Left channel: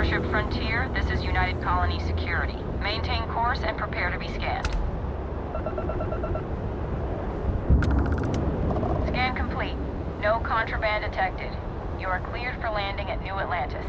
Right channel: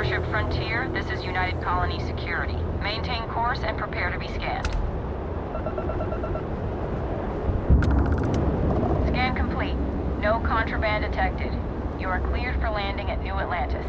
Starship Frontier, this is United Colony Security. Maintain course and prepare to be scanned. Scan complete. No contraband detected. You are cleared for landing at New Atlantis.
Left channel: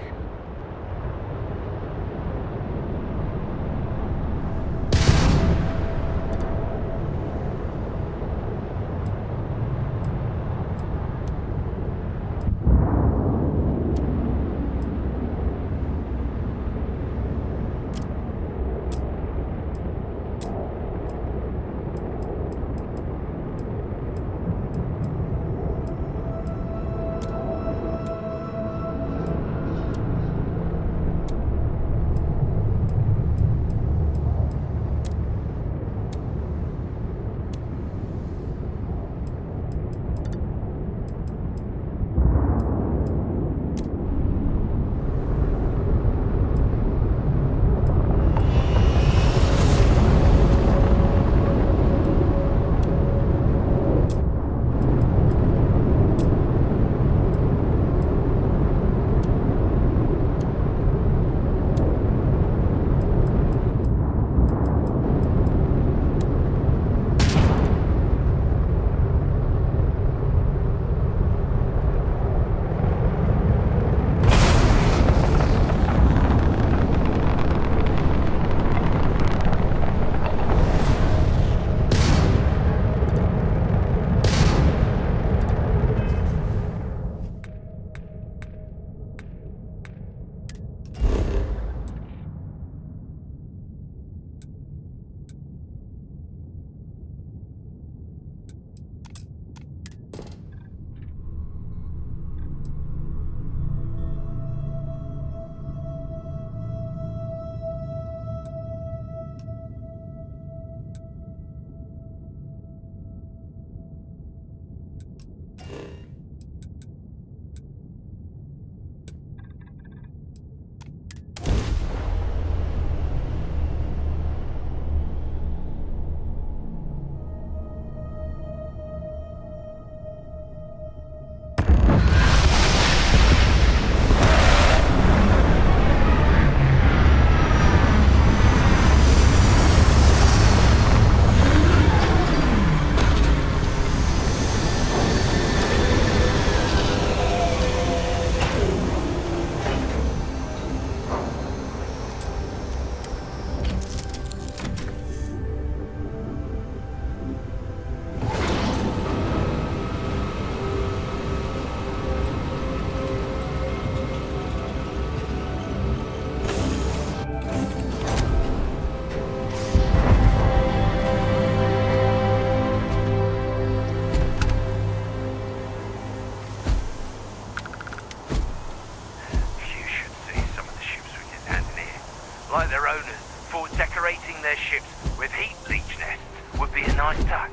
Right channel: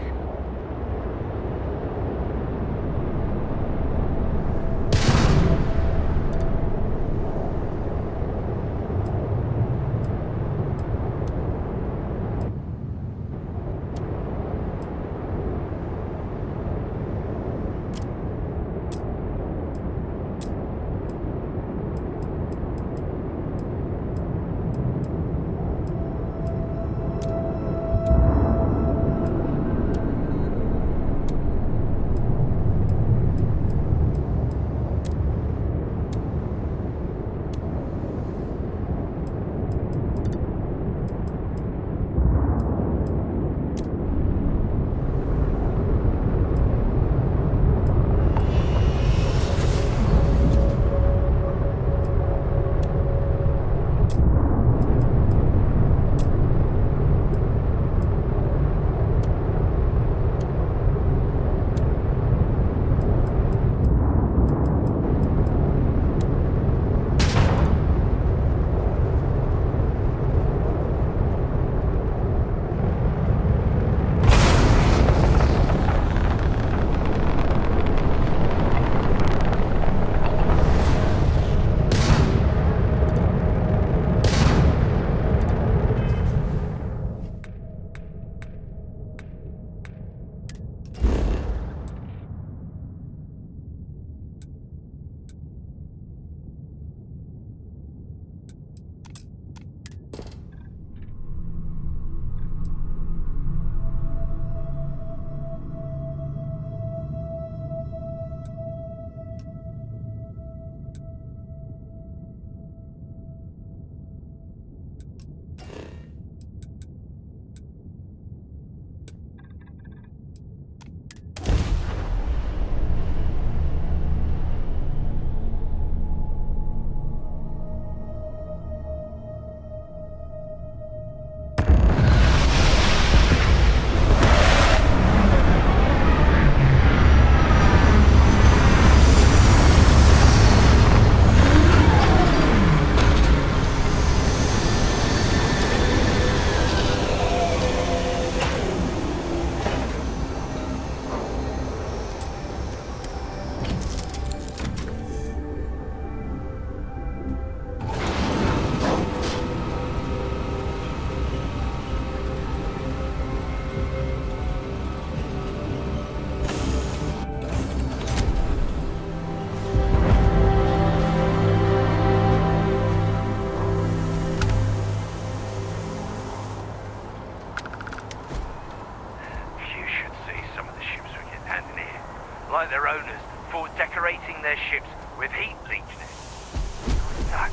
Like their owners, for decorating their ships with heat bleach nests would be a nice touch.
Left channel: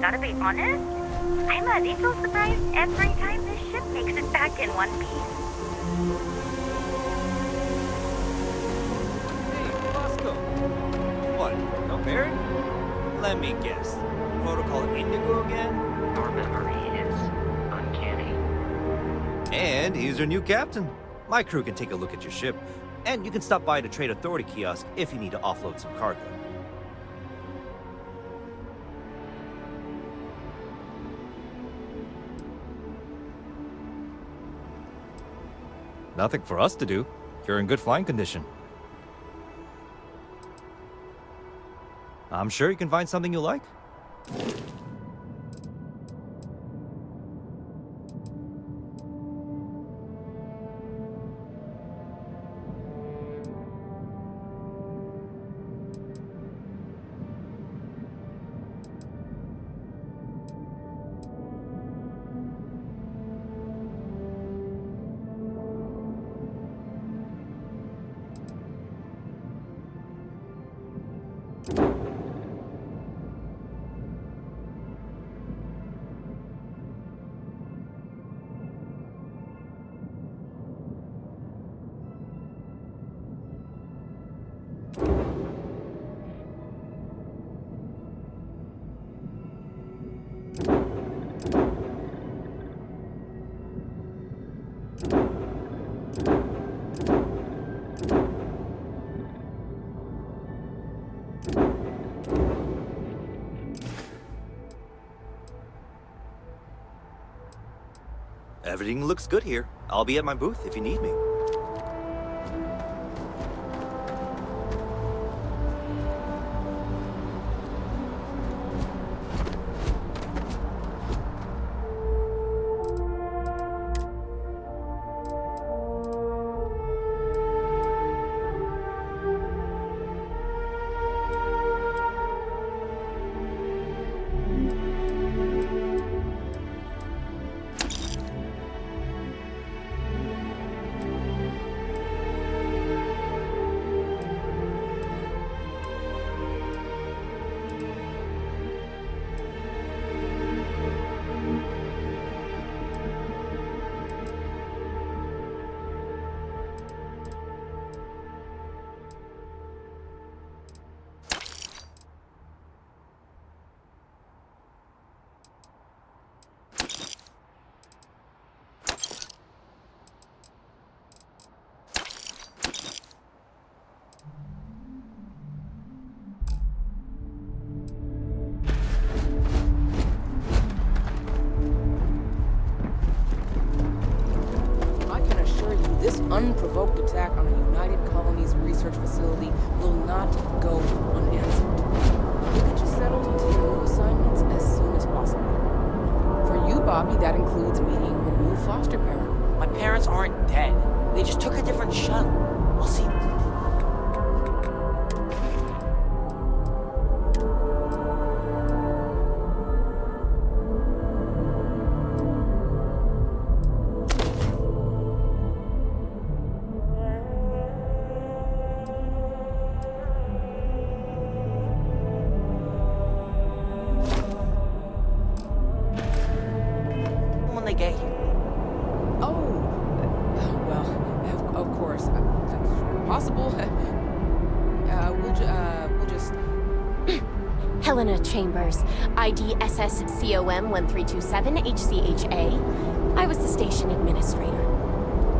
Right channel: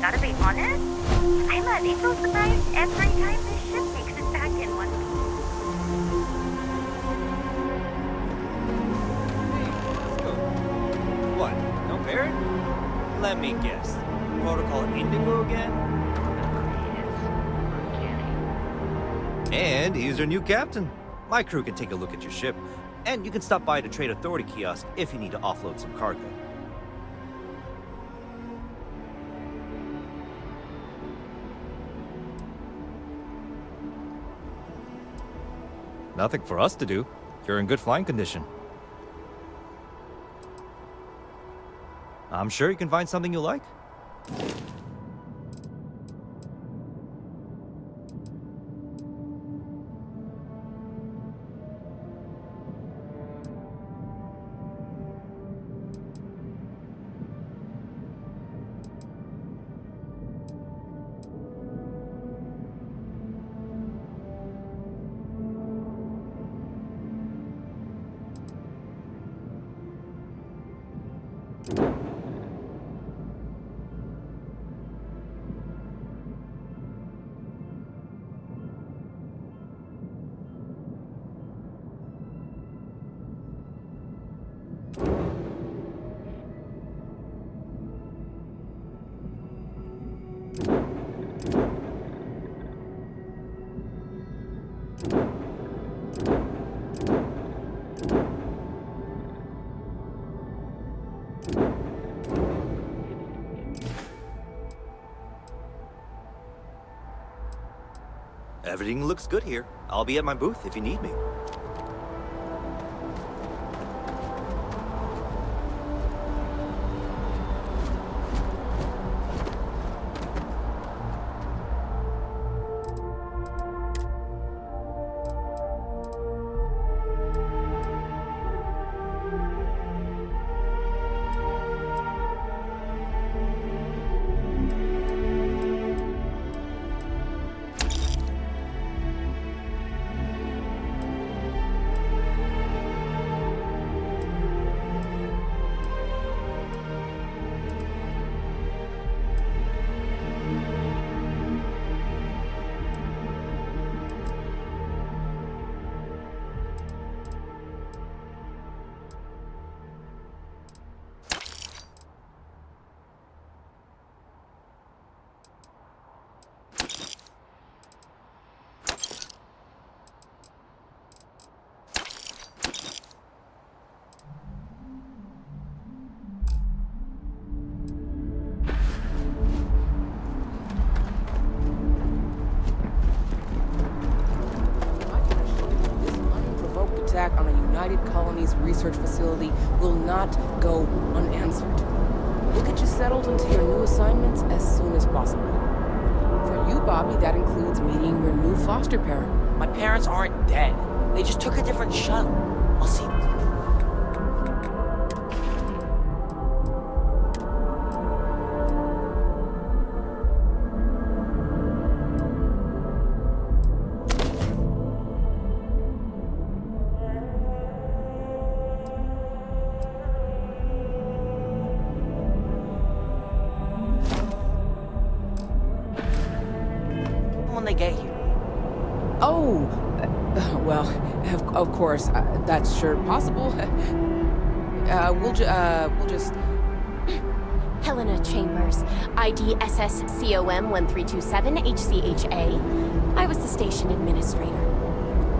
Gotta be honest, I'm a little surprised every time this ship makes it back in one piece. Hey, Bosco. What, no Barrett? Let me guess. Protocol Indigo again? Your memory is uncanny. And he's your new captain. My crew can take a look at your ship, and you can stop by the Trade Authority kiosk if you need to offload some cargo. Nothing for us to do. You're in good flying condition. I'm sure you can find something you like. Everything looks good here. I'll be at my booth if you need me. Unprovoked attack on a United Colonies research facility will not go unanswered. We'll get you settled into your new assignments as soon as possible. For you, Bobby, that includes meeting your new foster parent. My parents aren't dead. They just took a different shuttle. I'll see. When they get here. Oh, well, of course, that's sure possible. We'll just... Helena Chambers, ID SSCOM 1327 HCHA. I was the station administrator.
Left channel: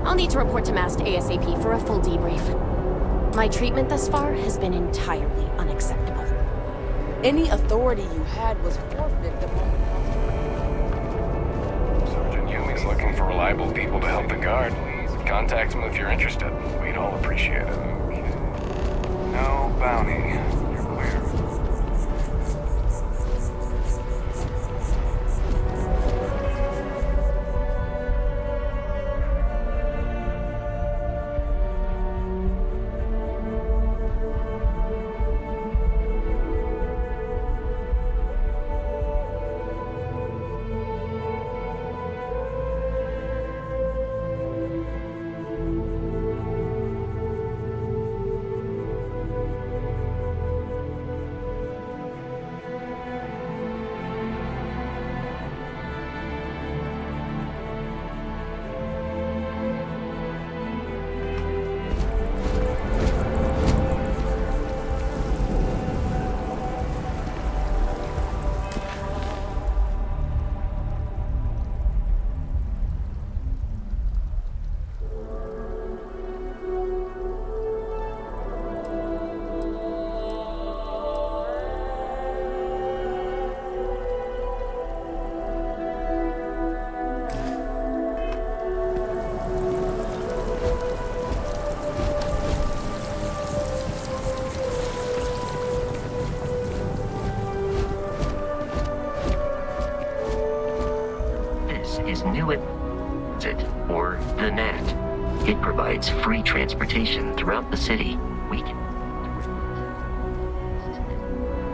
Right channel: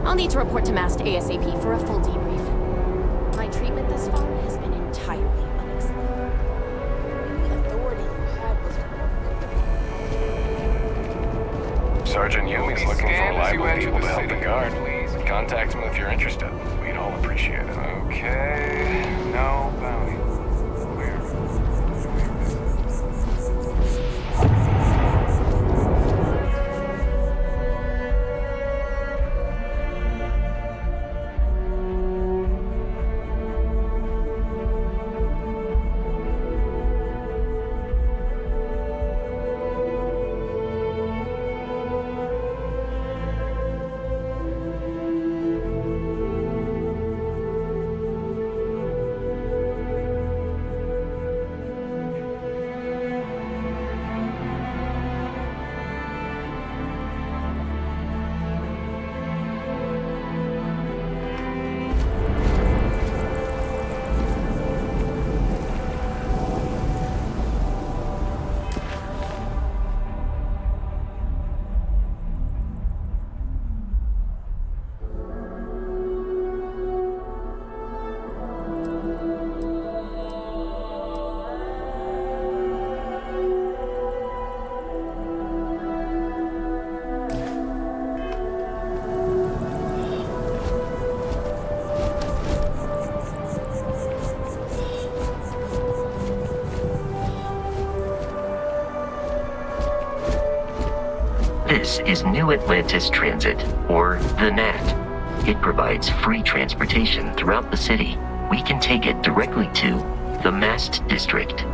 I'll need to report to MAST ASAP for a full debrief. My treatment thus far has been entirely unacceptable. Any authority you had was forfeit the moment... Sergeant Yumi's looking for reliable people to help the guard. Contact him if you're interested. We'd all appreciate it. Okay. No bounty. Clear. This is New Atlantis Transit, or the NAT. It provides free transportation throughout the city. We can take it directly to the Mast District.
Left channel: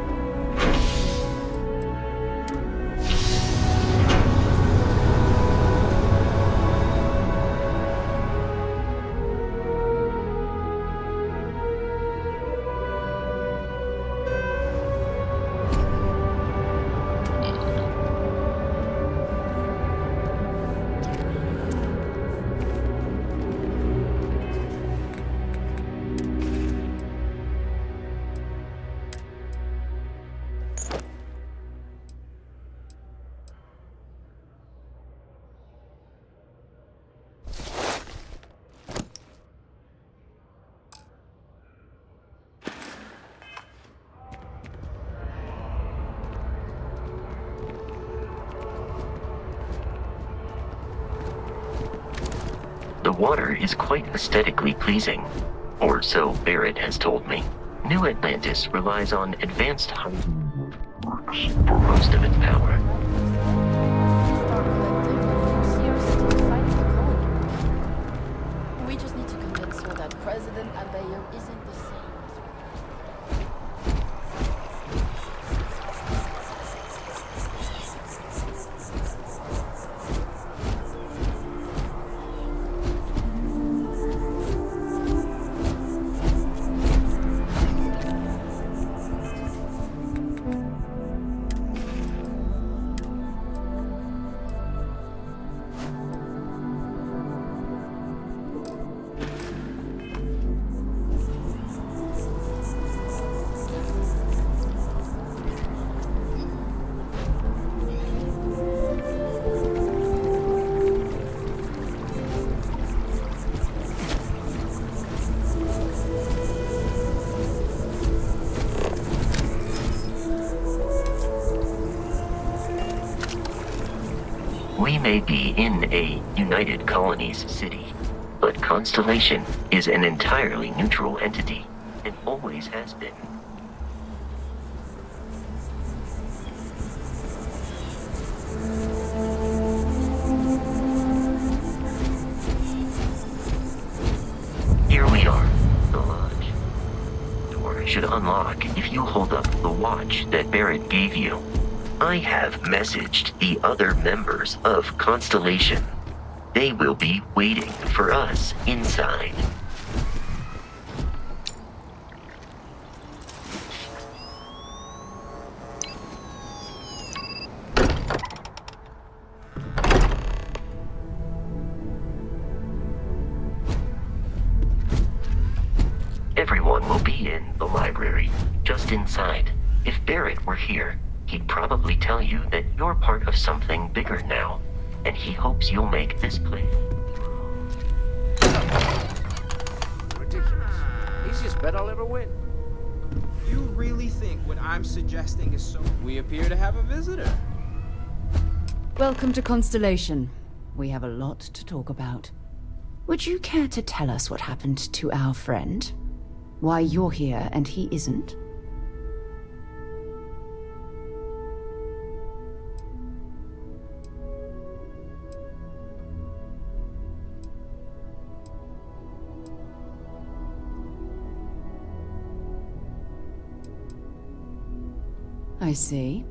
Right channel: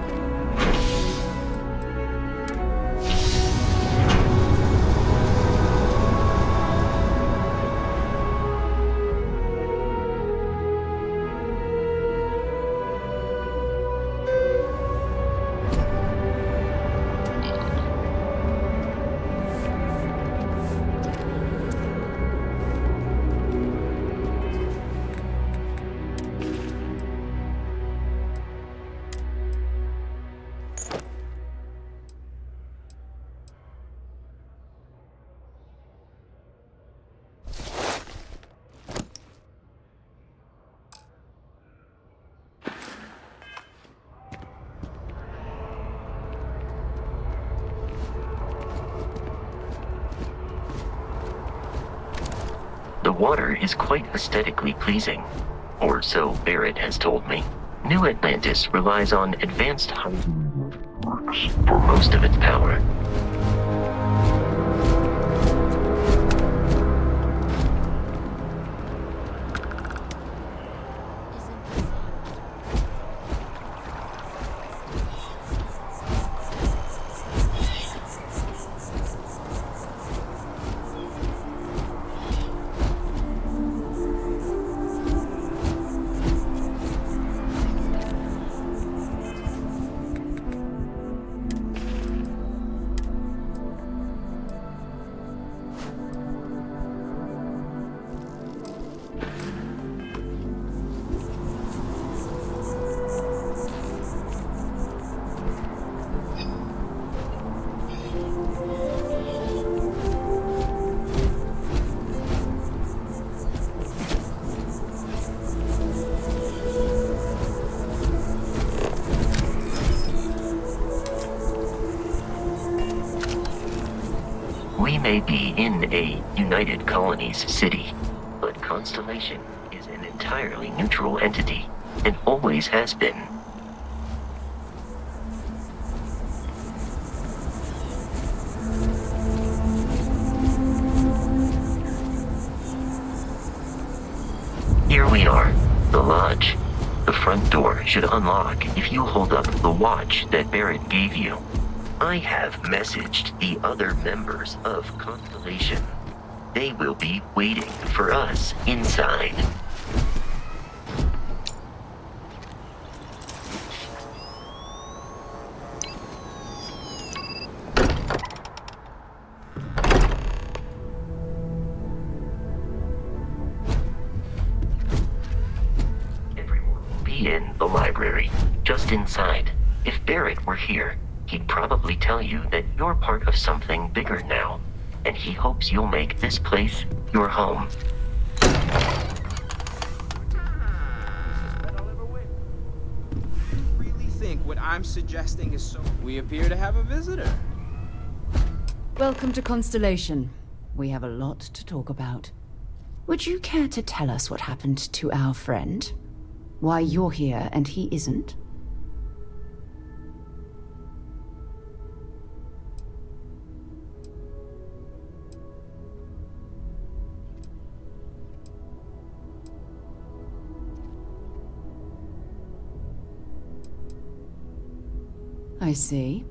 The water is quite aesthetically pleasing, or so Barrett has told me. New Atlantis relies on advanced hygiene for most of its power. We just need to convince her that President Andayo isn't the same. We may be in a United Colonies city, but Constellation is an entirely neutral entity, and always has been. Here we are, the lodge. The front door should unlock if you hold up the watch that Barrett gave you. I have messaged the other members of Constellation. They will be waiting for us inside. Everyone will be in the library, just inside. If Barrett were here, he'd probably tell you that you're part of something bigger now, and he hopes you'll make this place your home. Ridiculous. Easiest bet I'll ever win. You really think what I'm suggesting is so... We appear to have a visitor. Welcome to Constellation. We have a lot to talk about. Would you care to tell us what happened to our friend? Why you're here and he isn't? I see.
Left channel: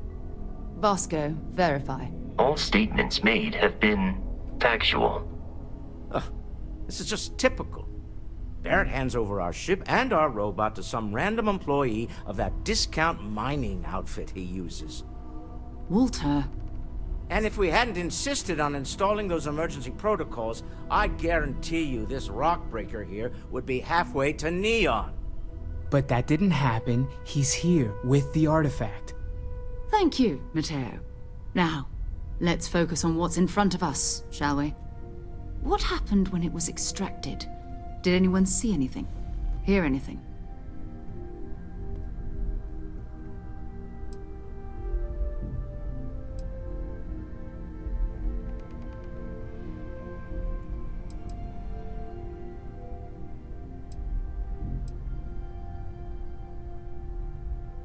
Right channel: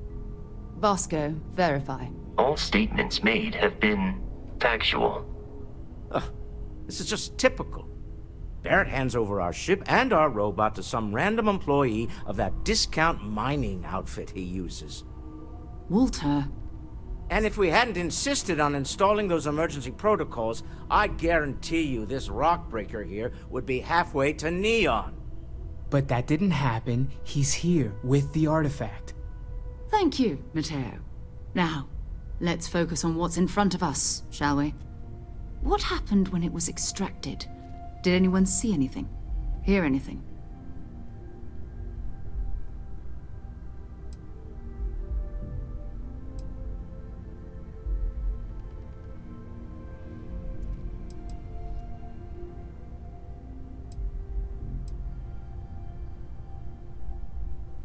Vasco, verify. All statements made have been factual. This is just typical. Barrett hands over our ship and our robot to some random employee of that discount mining outfit he uses. Walter. And if we hadn't insisted on installing those emergency protocols, I guarantee you this rock breaker here would be halfway to Neon. But that didn't happen. He's here with the artifact. Thank you, Matteo. Now, let's focus on what's in front of us, shall we? What happened when it was extracted? Did anyone see anything? Hear anything?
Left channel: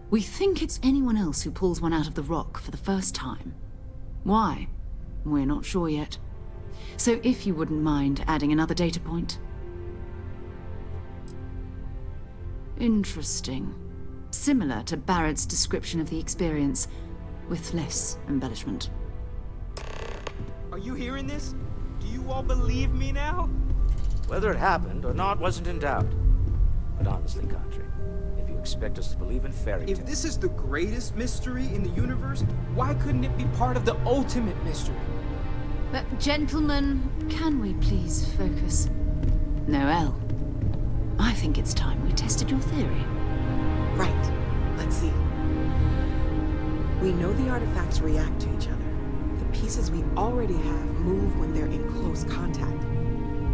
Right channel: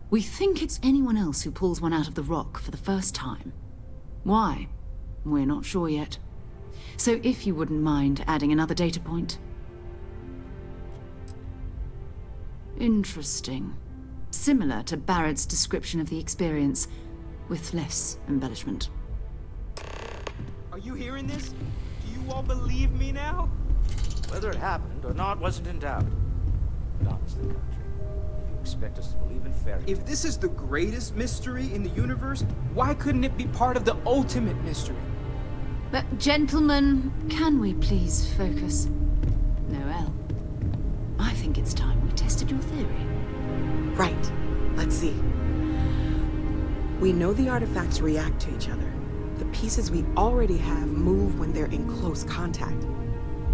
We think it's anyone else who pulls one out of the rock for the first time. Why? We're not sure yet. So if you wouldn't mind adding another data point. Interesting. Similar to Barrett's description of the experience, with less embellishment. Are you hearing this? Do you all believe me now? Whether it happened or not wasn't in doubt. But honestly, Country, if you expect us to believe in fairy tales... If this is the greatest mystery in the universe, why couldn't it be part of the ultimate mystery? But gentlemen, can we please focus? Noel, I think it's time we tested your theory. Right. Let's see. We know the artifacts react to each other. The pieces we already have move when they're in close contact.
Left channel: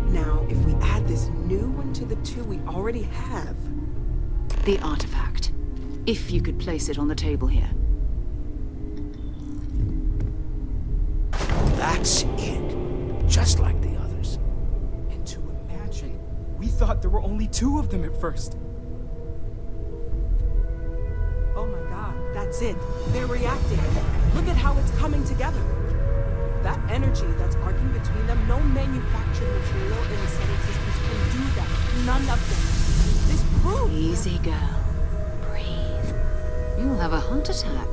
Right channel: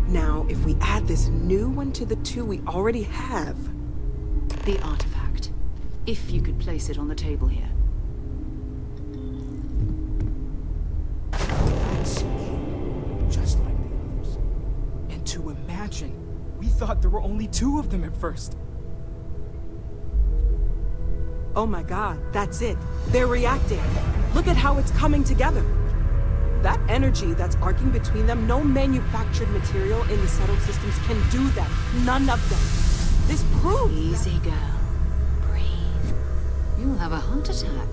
Now, if we add this new one to the two we already have... The artifact. If you could place it on the table here. That's it. Just like the others. And to imagine. We thought there were only 2 of them at first. Oh my god, that's it. They're reacting. Look at how it's coming together. That energy that's arcing between them, no manufactured material in the settled systems can do that. None of them. This proves. Easy, girl. Breathe. You'll have a heart attack.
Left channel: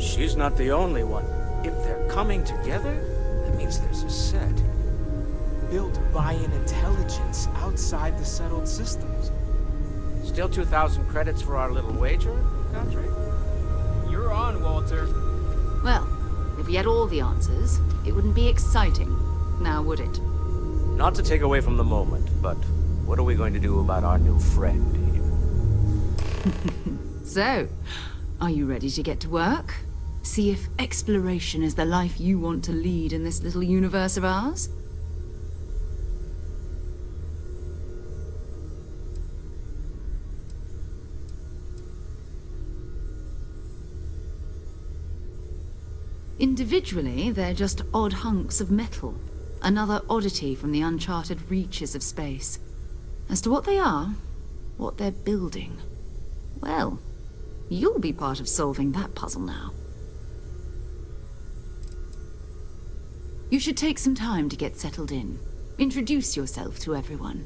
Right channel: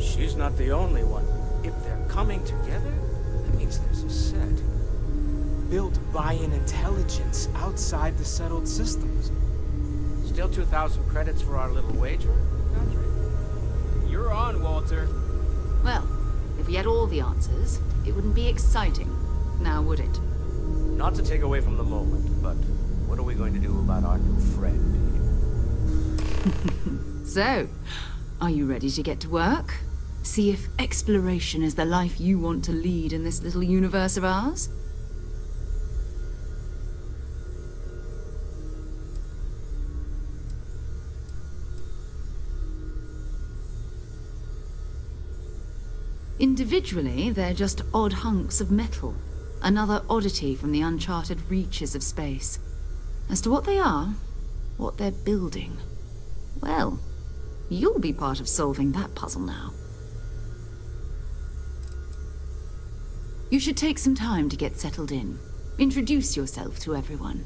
She's not the only one. If they're coming together, that means there's a set. Built by an intelligence outside the settled systems. Still 2,000 credits for our little wager, Godfrey? You're on, Walter. Well, if we had all the answers, it wouldn't be exciting, now would it? Not to take away from the moment, but what are we going to do about our new friend here? So, are you ready to get to work? See if exploration is the life you want to lead in this little universe of ours? Individually, they're just odd hunks of metal. Another oddity from the uncharted reaches of space. As to what they are, what they're building, well, you'll be part of solving that puzzle now. You should take some time to get settled in. Introduce yourself to everyone.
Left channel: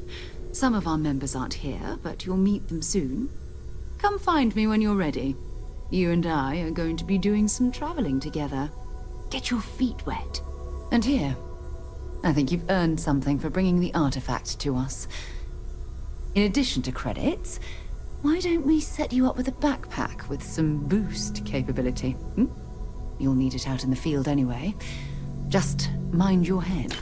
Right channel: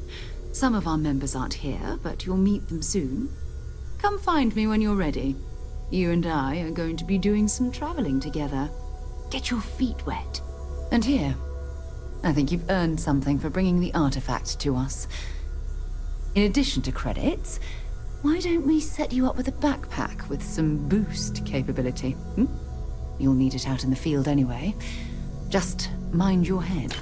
Some of our members aren't here, but you'll meet them soon. Come find me when you're ready. You and I are going to be doing some traveling together. Get your feet wet. And here, I think you've earned something for bringing the artifact to us. In addition to credits, why don't we set you up with a backpack with some boost capability? You'll need it out in the field anyway. Just mind your head.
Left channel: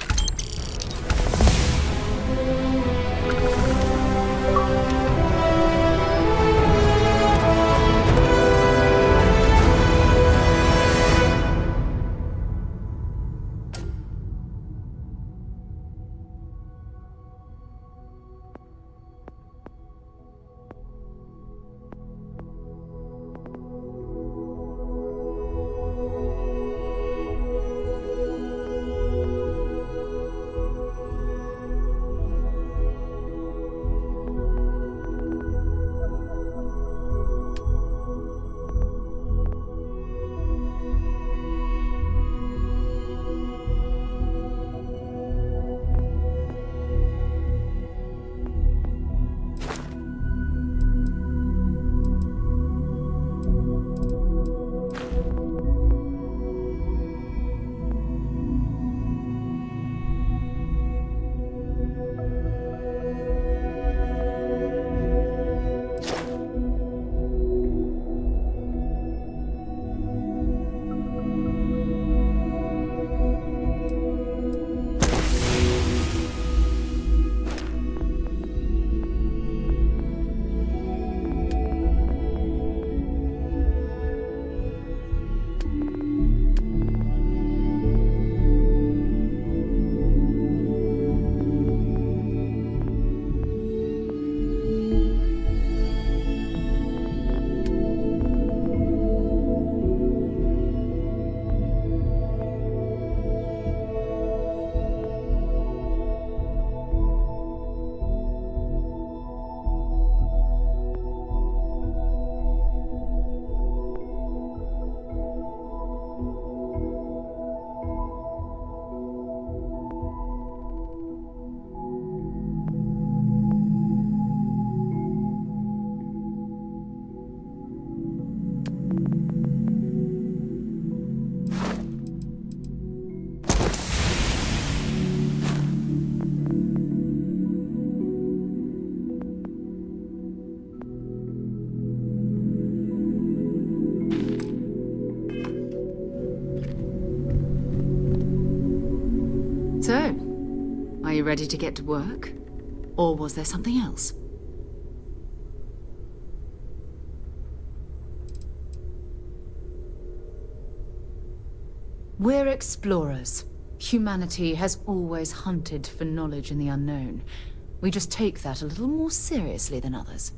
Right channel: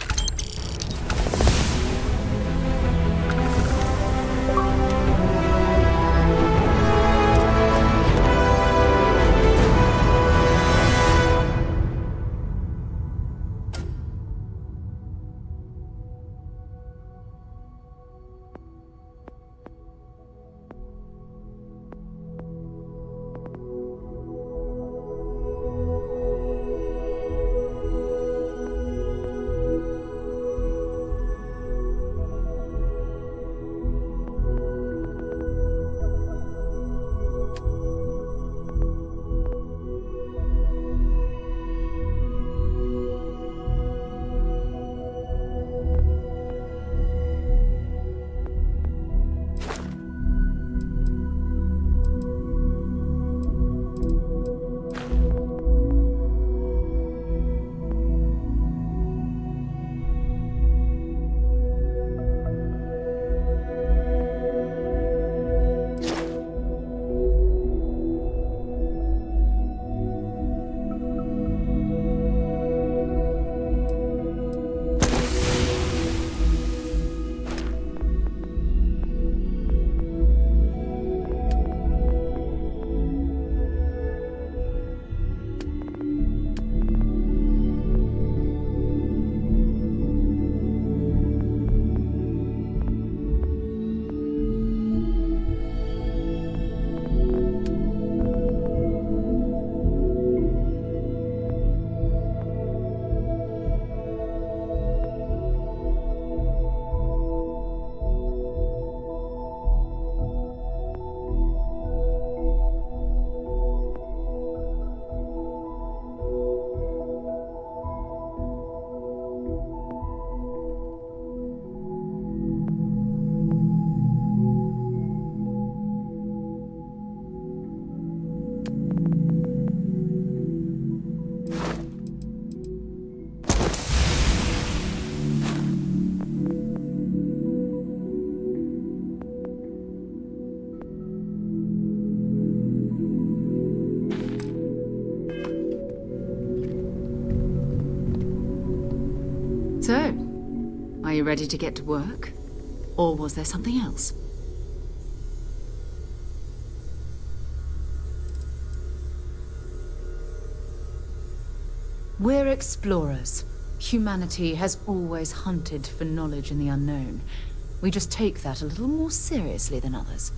So, are you ready to get to work? Or was there something else? We're explorers. Humanity has always hunted for knowledge in the unknown. We just take that a little more seriously than others.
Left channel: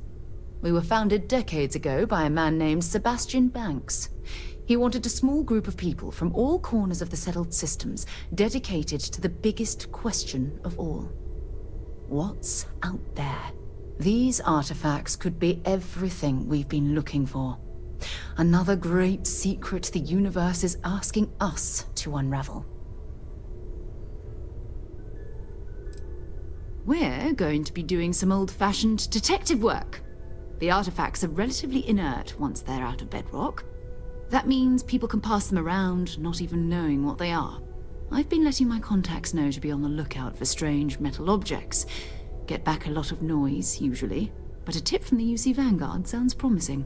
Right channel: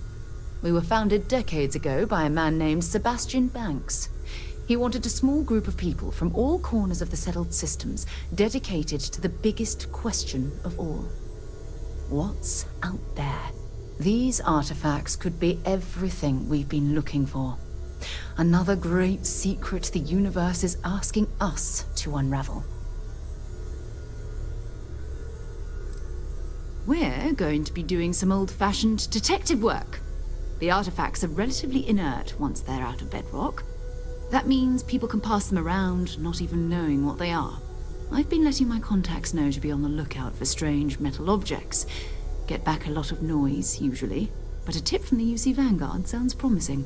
We were founded decades ago by a man named Sebastian Banks. He wanted a small group of people from all corners of the settled systems dedicated to the biggest question of all. what's out there. These artifacts could be everything we've been looking for. Another great secret the universe is asking us to unravel. We're going to be doing some old-fashioned detective work. The artifacts are relatively inert once they're out of bedrock. That means people can pass them around, not even knowing what they are. I've been letting my contacts know to be on the lookout for strange metal objects. Get back a lot of noise, usually, but a tip from the UC Vanguard sounds promising.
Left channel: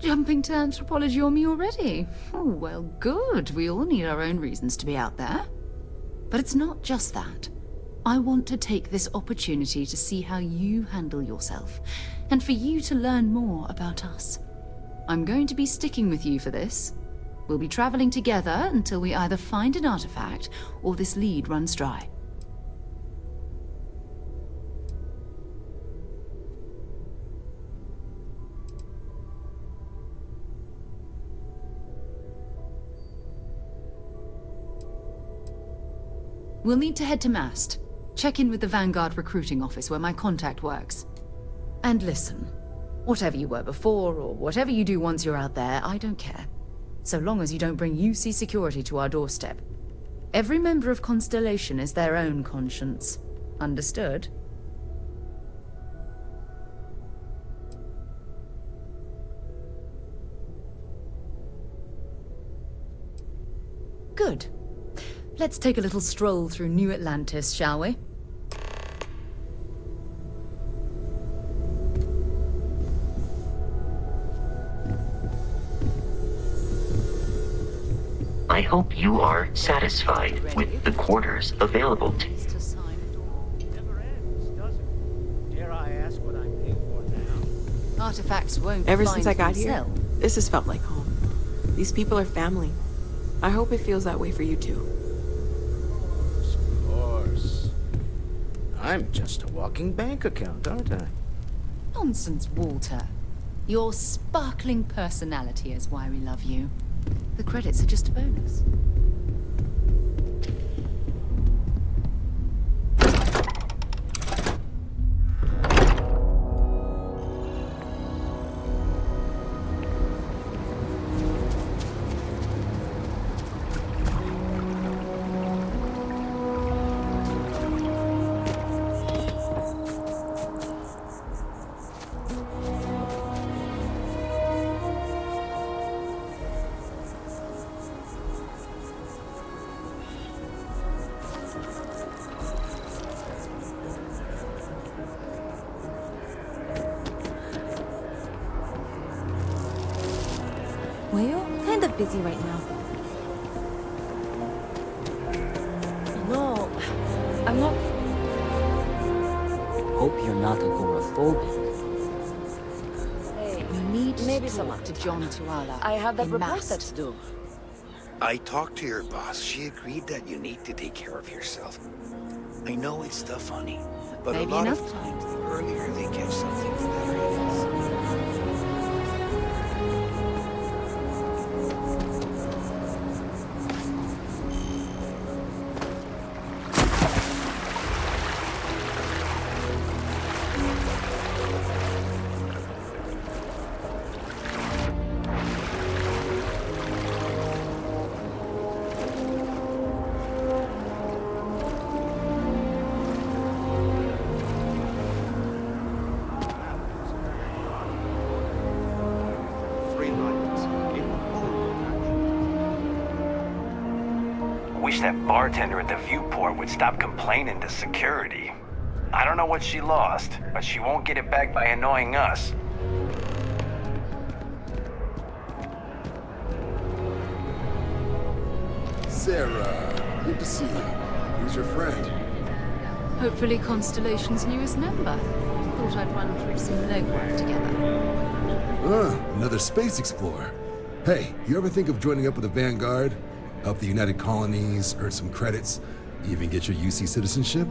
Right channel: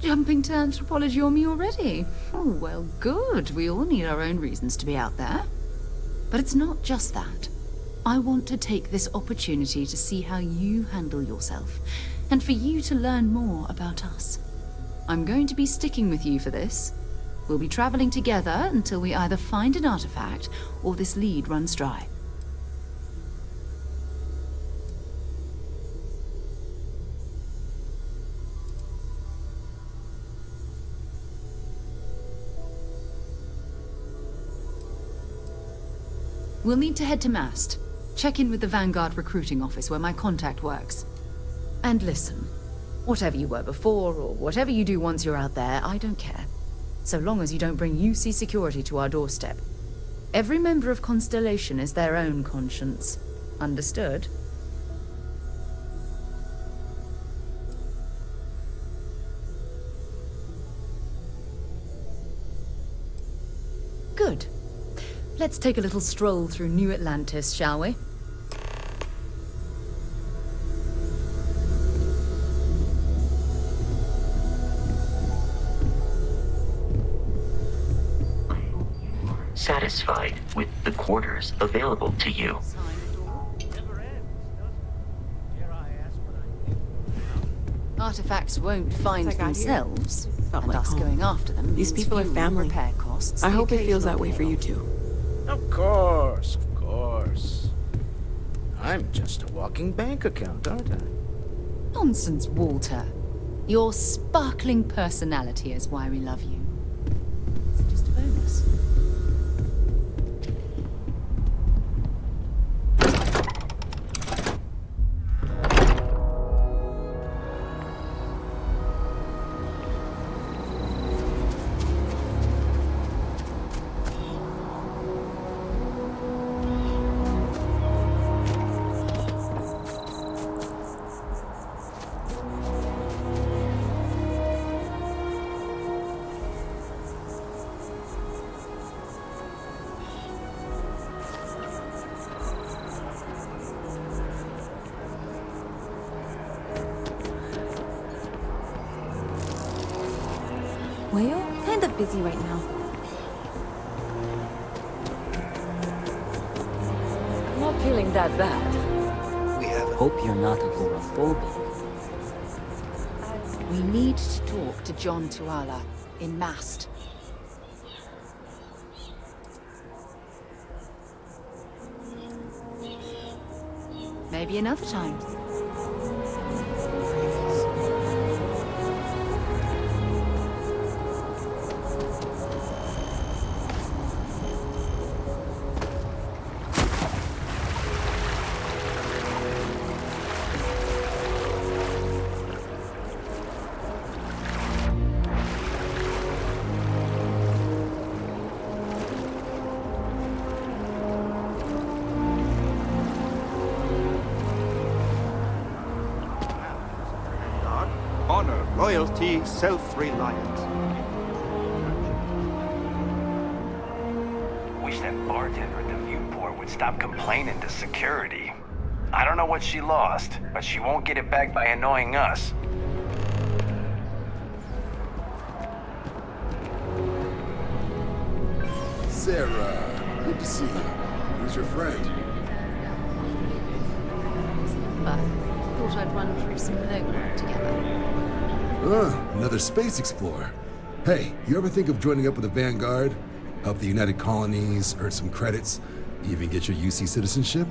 Jumping to anthropology on me already? Oh, well, good. We all need our own reasons to be out there. But it's not just that. I want to take this opportunity to see how you handle yourself, and for you to learn more about us. I'm going to be sticking with you for this. We'll be traveling together until we either find an artifact or this lead runs dry. We'll need to head to Mast. Check in with the Vanguard recruiting office where my contact works. And listen, whatever you were before or whatever you do once you're out there, I don't care. So long as you don't bring UC security to our doorstep. Every member of Constellation is their own conscience. Understood? Good. Let's take a little stroll through New Atlantis, shall we? I hope you are satisfied with the quarters available to you. Artifacts won't Ever find since I got here, themselves. this has felt like Us home. going after them. These people are family. I hope it feels that way for you too. Of course, of course. I'm just a walking bank account, aren't I? Nonsense, Walter. Your sparkling personality is why we love you. The credits are just a bonus. Well, kind of busy right now. No, I'm not feeling that bad. Hope you're not agoraphobic. We need to Maybe talk to John Tuala I have that in report Mast. that's due. I talked to your boss. She agreed that you need to take care of yourself. I know it's tough, funny, but Maybe a lot another of time. times the earlier they catch something, the better it is. Honor, royalty, self-reliance. In all your actions. Wish that bartender at the viewport would stop complaining to security. I don't know what she lost, but she won't get it back by annoying us. Sarah, good to see you. Who's your friend? Hopefully Constellation's newest member. Thought I'd run through some legwork together. Another space explorer. Hey, you ever think of joining up with the Vanguard? Help the United Colonies, earn some credits, even get your UC citizenship?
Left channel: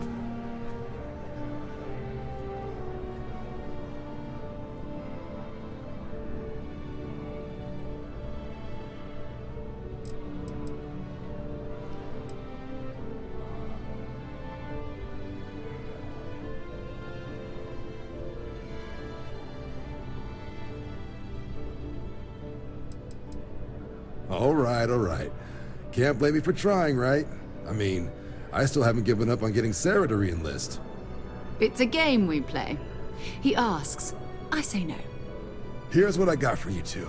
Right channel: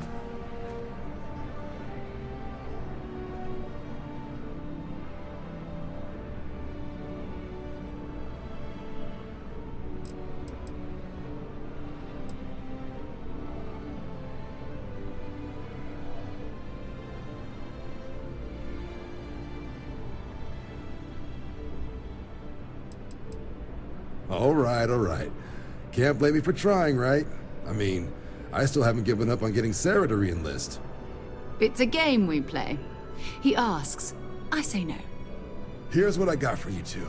All right. Can't blame me for trying, right? I mean, I still haven't given up on getting Sarah to re-enlist. It's a game we play. He asks, I say no. Here's what I got for you two.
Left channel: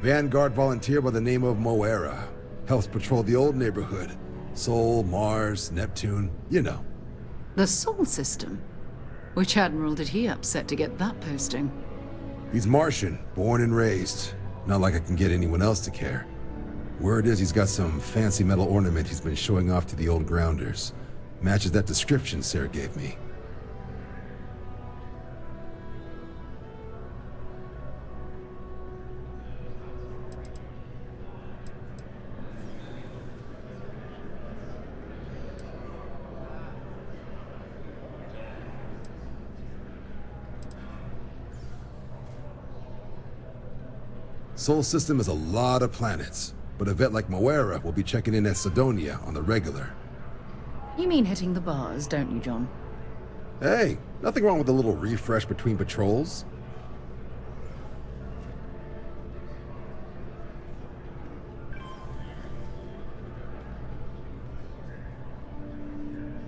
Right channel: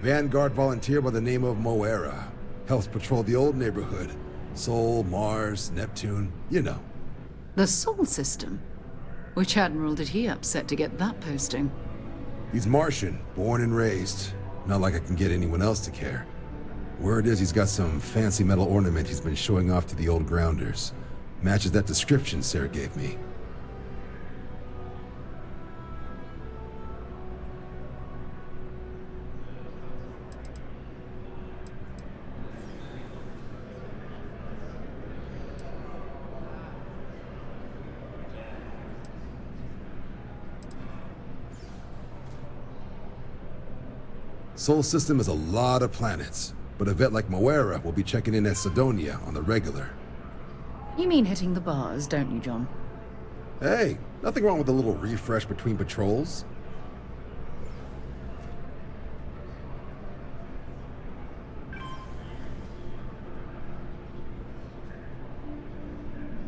Vanguard volunteer by the name of Moera. Helps patrol the old neighborhood. Sol, Mars, Neptune, you know. The Sol system? Which admiral did he upset to get that posting? He's Martian, born and raised. Not like I can get anyone else to care. Word is he's got some fancy metal ornament he's been showing off to the old grounders. Matches that description Sarah gave me. Sol system has a lot of planets, but a vet like Moera will be checking in at Sidonia on the regular. You mean hitting the bars, don't you, John? Hey, nothing wrong with a little refresh between patrols.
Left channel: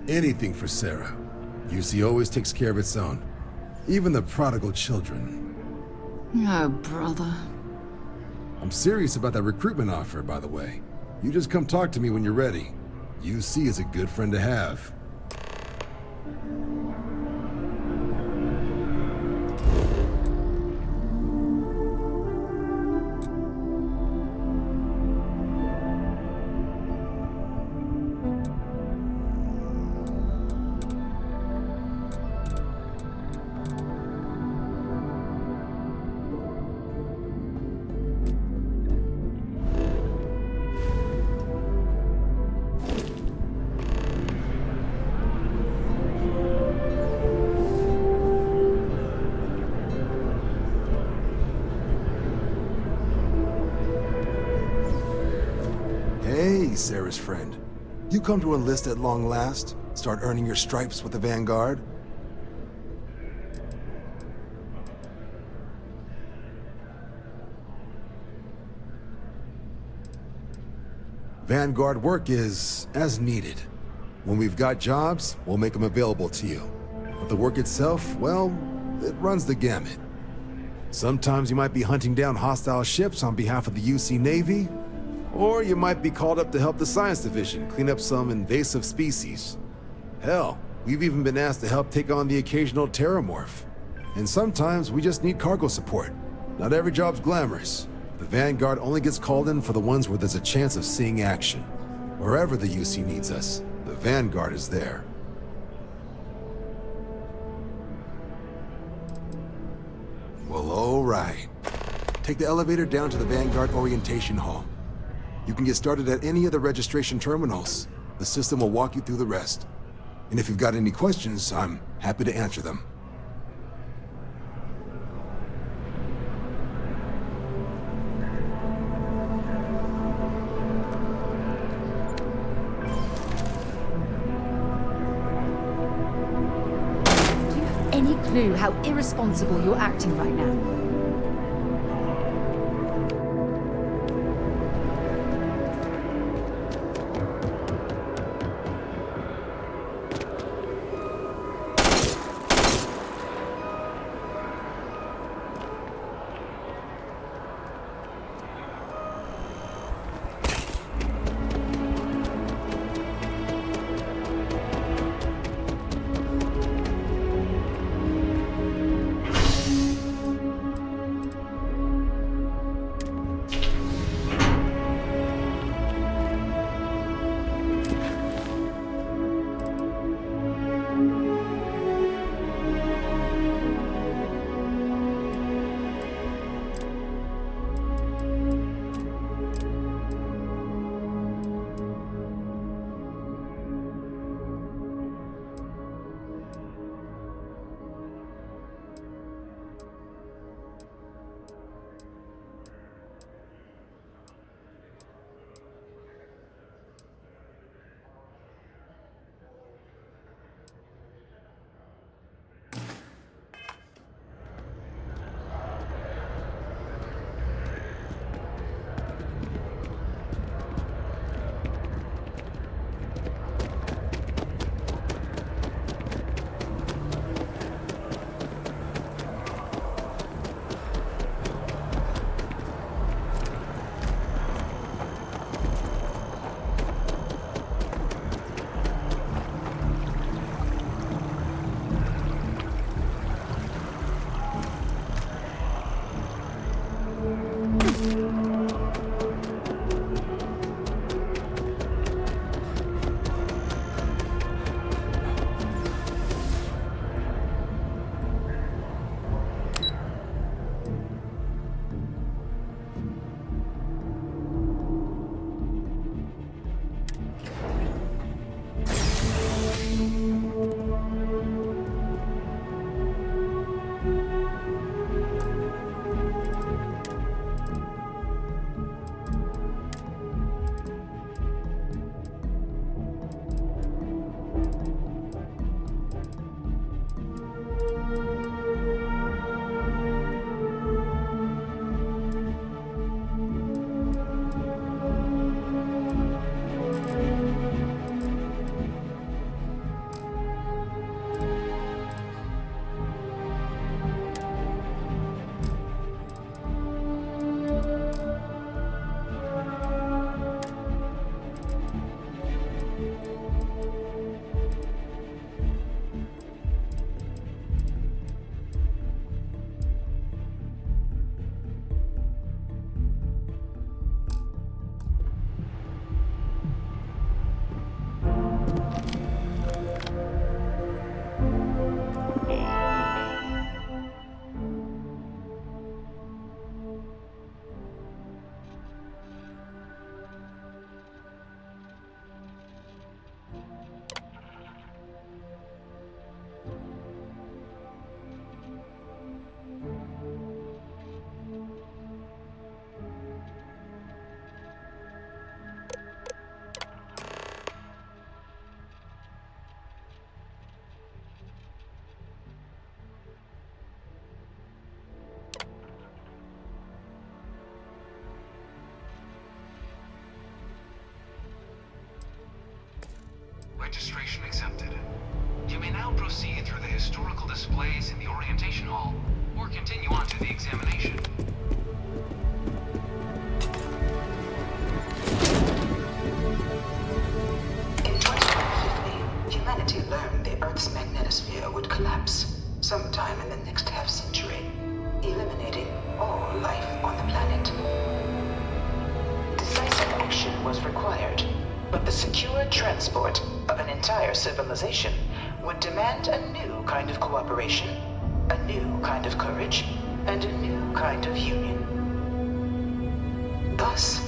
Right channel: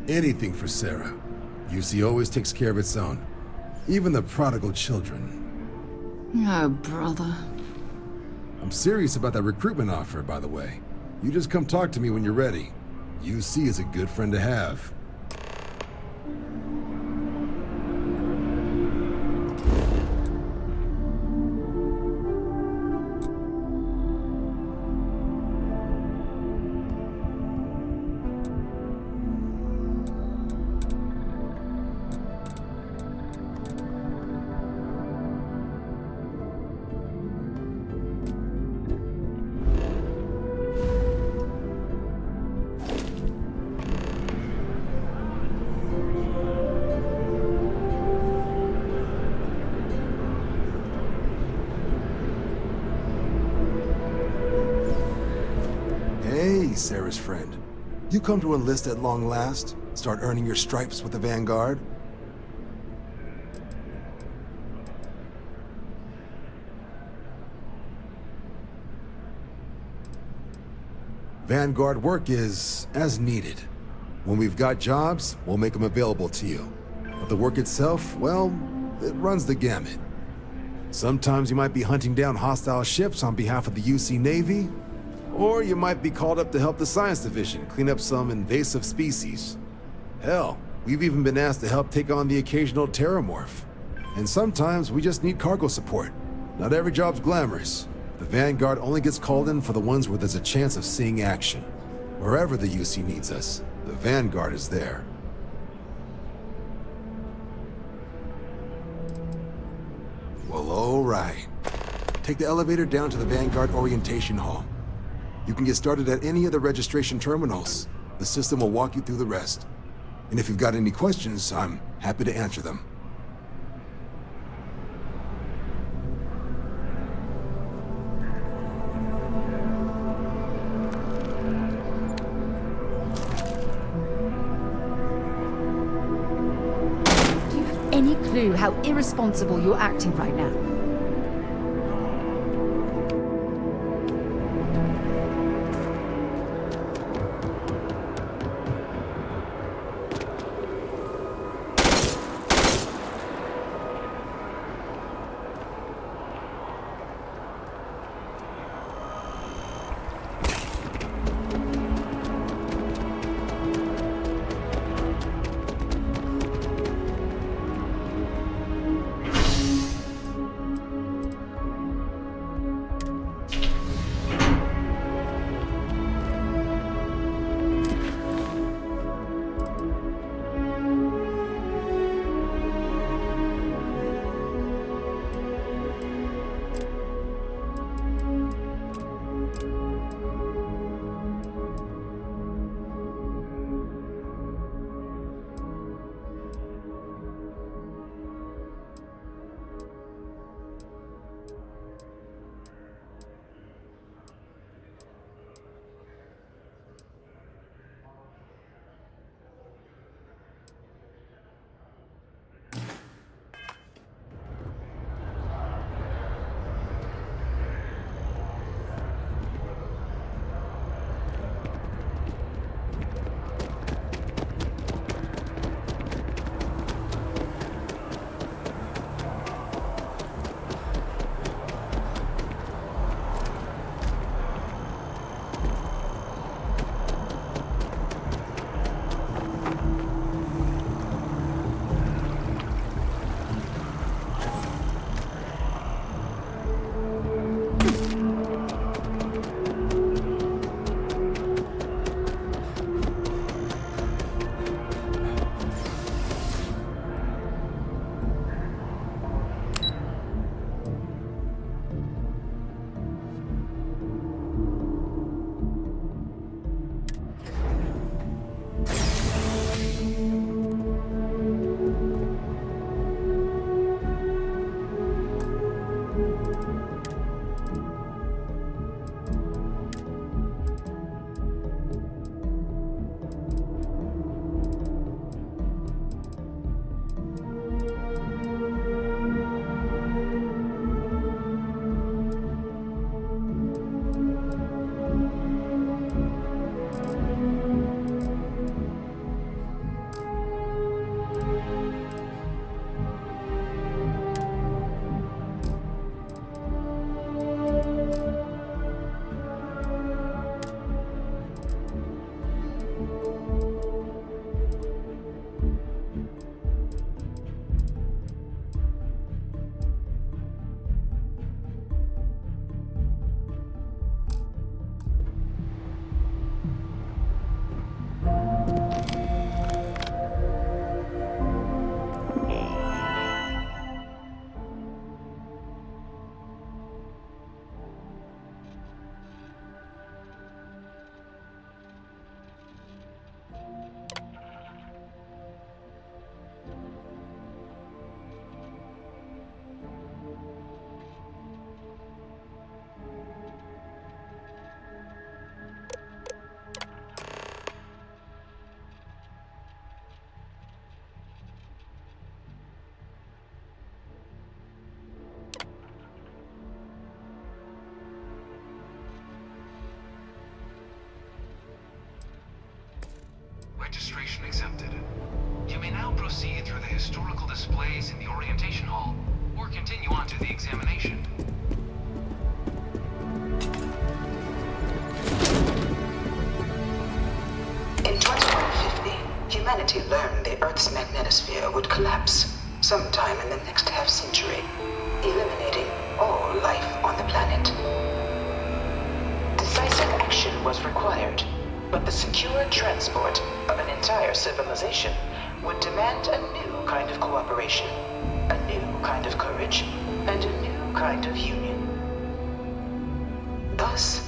Anything for Sarah. UC always takes care of its own. Even the prodigal children. Oh, brother. I'm serious about that recruitment offer, by the way. You just come talk to me when you're ready. UC is a good friend to have. Hey, Sarah's friend. You come to enlist at long last? Start earning your stripes with the Vanguard? Vanguard work is as needed. When we've got jobs, we'll make them available to you. But the work itself, well, it runs the gamut. Sometimes you might be hunting down hostile ships on behalf of the UC Navy, or you might be called up to help the Science Division clean up some invasive species. Hell, we've even been asked to help take on the occasional terramorph. And sometimes we just need cargo support. Not every job's glamorous. The Vanguard only gets called in for the ones where there's a chance of seeing action. Wherever the UC needs us, the Vanguard is there. Well, all right. Take the elevator down to the Vanguard Orientation Hall. You can get started at any of the registration terminals. The system will walk you through the rest. And if you've got any questions, I'm happy to answer them. Do you have any clue how irresponsible you're acting right now? Registration accepted. You may now proceed through the historical displays in the orientation hall, or continue on to the examination. In 2150, humanity learned the Earth's magnetosphere would collapse sometime in the next half-century, eliminating all life on the planet. Decisive action was required, but the secure transport of an entire civilization would demand a new kind of cooperation, a new kind of courage, and a new kind of union. Thus,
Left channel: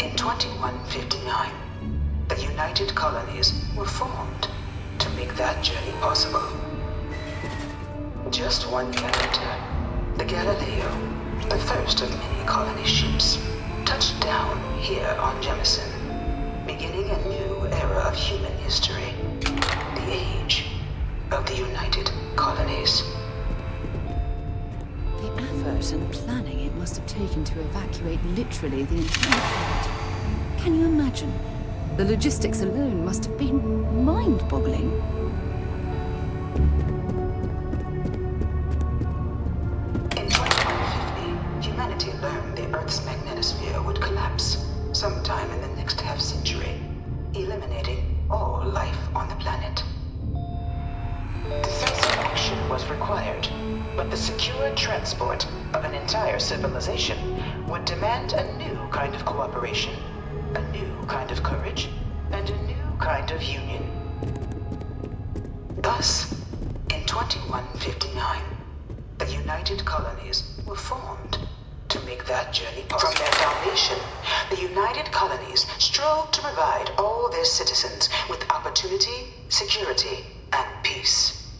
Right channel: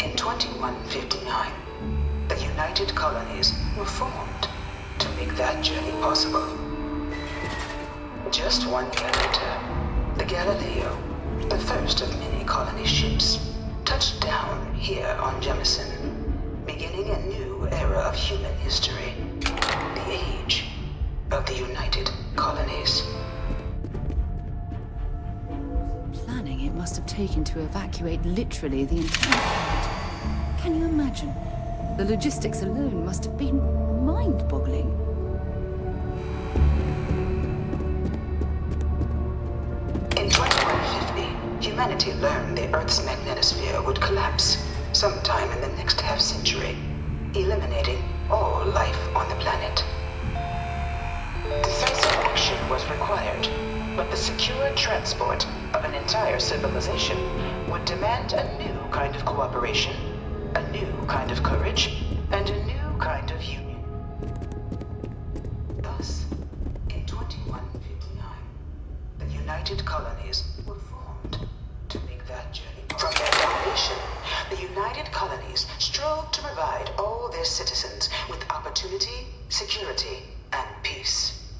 in 2159, the United Colonies were formed to make that journey possible. Just 1 year later, the Galileo, the first of many colony ships, touched down here on Jemison, beginning a new era of human history, the age of the United Colonies. The effort and planning it must have taken to evacuate literally the entire planet. Can you imagine? The logistics alone must have been mind-boggling. In 2150, humanity learned the Earth's magnetosphere would collapse sometime in the next half-century, eliminating all life on the planet. Decisive action was required, but the secure transport of an entire civilization would demand a new kind of cooperation, a new kind of courage, and a new kind of union. Thus, in 2159, the United Colonies were formed to make that journey possible. From their foundation, the United Colonies strove to provide all their citizens with opportunity, security, and peace.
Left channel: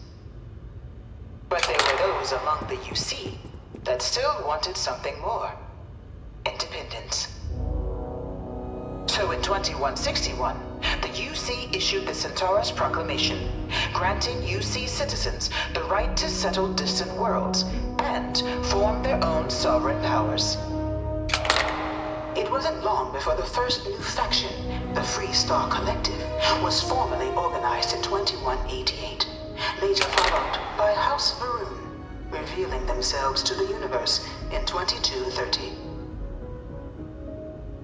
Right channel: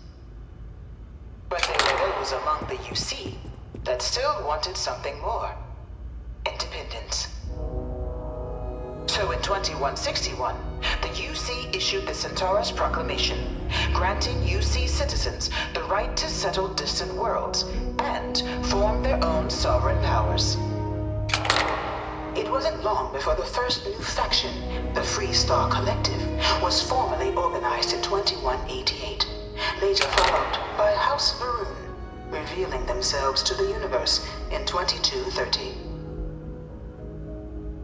But there were those among the UC that still wanted something more: independence. So in 2161, the UC issued the Centaurus Proclamation, granting UC citizens the right to settle distant worlds and form their own sovereign powers. It wasn't long before the first new faction, the Free Star Collective, was formally organized in 2188, later followed by House Varun, revealing themselves to the universe in 2230.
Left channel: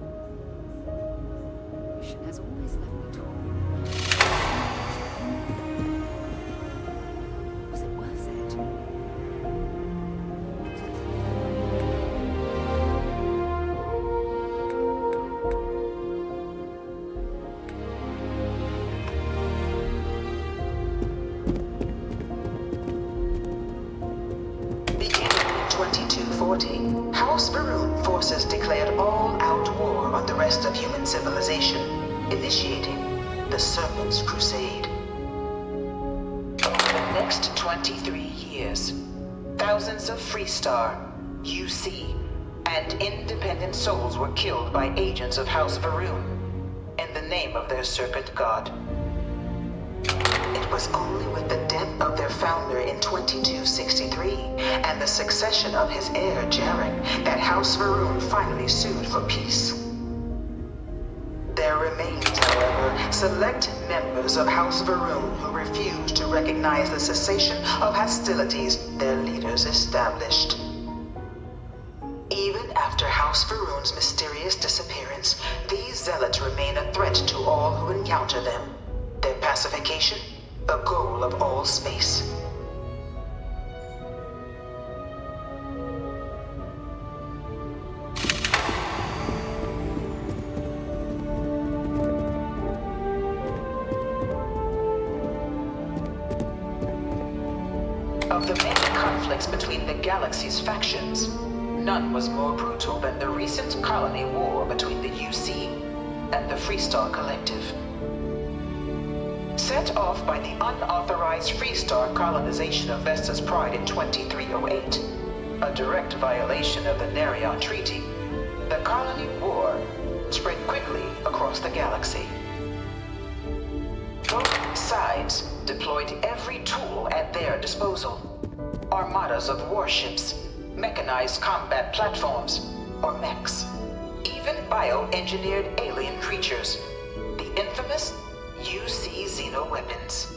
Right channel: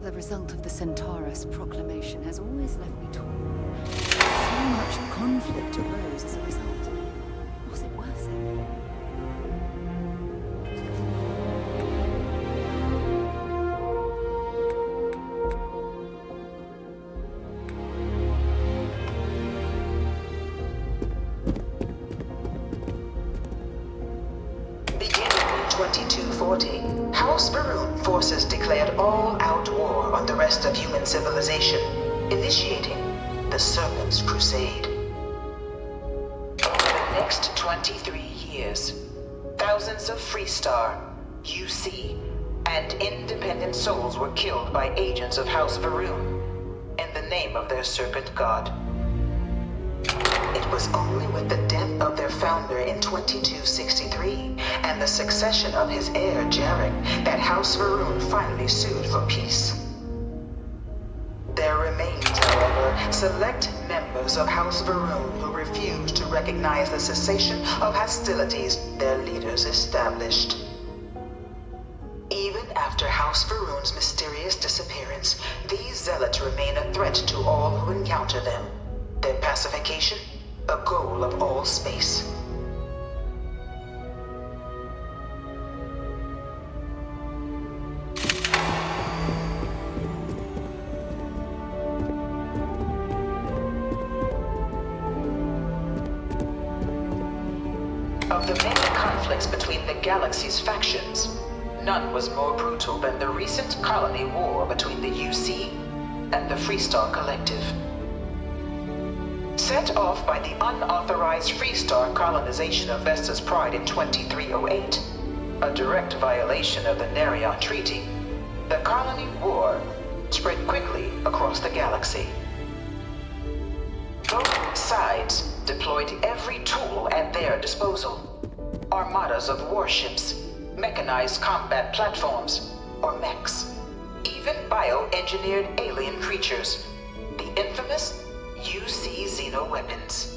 The result of the Centaurus Proclamation has always left me torn. So much conflict arose as a result. Was it worth it? Beginning in 2240, House Varun forces declared all-out war on the rest of human civilization, initiating the Serpent's Crusade. Over the next 23 years, thousands of Freestar, UC, and independent souls were killed by agents of House Varun in the name of their serpent god. It was only with the death of their founder in 2263 and the succession of his heir Jarek that House Varun finally sued for peace. There remained, however, select members of House Varun who refused to recognize the cessation of hostilities their leaders established. Even after House Varun's mysterious disappearance, these zealots remain a threat to all who encounter them. Their pacification, a goal of all space. Of the many conflicts between the galaxy's factions, none was more brutal than the recent colony war between the UC and the Freestar Collective. Set off by the unauthorized Freestar colonization of Vesta's Pride in 2308, a direct violation of the Nerion Treaty, the colony war spread quickly across the galaxy. Both sides deployed every tool at their disposal. Armadas of warships, mechanized combat platforms, or mechs, even bioengineered alien creatures, the infamous UC xenoweapons.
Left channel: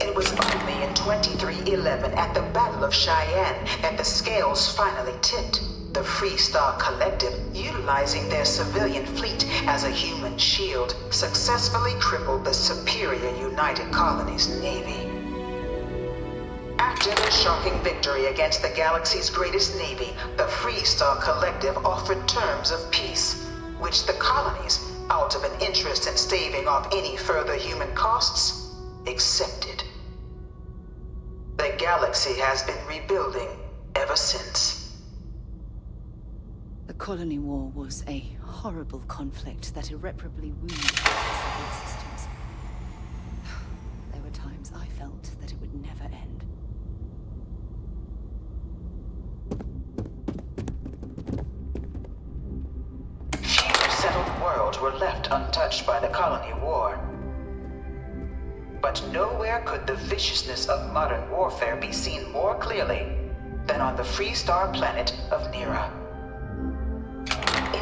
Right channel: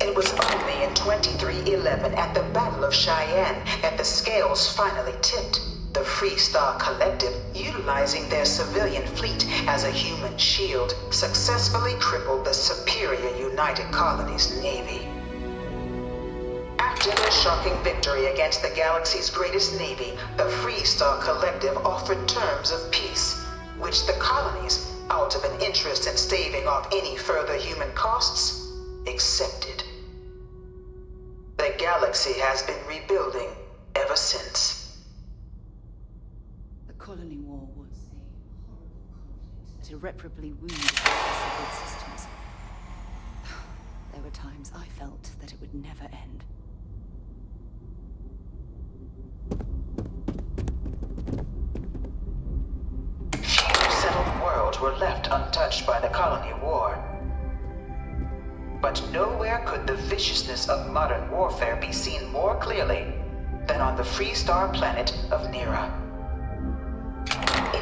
It was only in 2311 at the Battle of Cheyenne that the scales finally tipped. The Freestar Collective, utilizing their civilian fleet as a human shield, successfully crippled the superior United Colonies Navy. After their shocking victory against the galaxy's greatest navy, the Freestar Collective offered terms of peace, which the colonies, out of an interest in staving off any further human costs, accepted. The galaxy has been rebuilding ever since. The Colony War was a horrible conflict that irreparably wounded several systems. There were times I felt that it would never end. Few settled worlds were left untouched by the Colony War. But nowhere could the viciousness of modern warfare be seen more clearly than on the Freestar planet of Nira.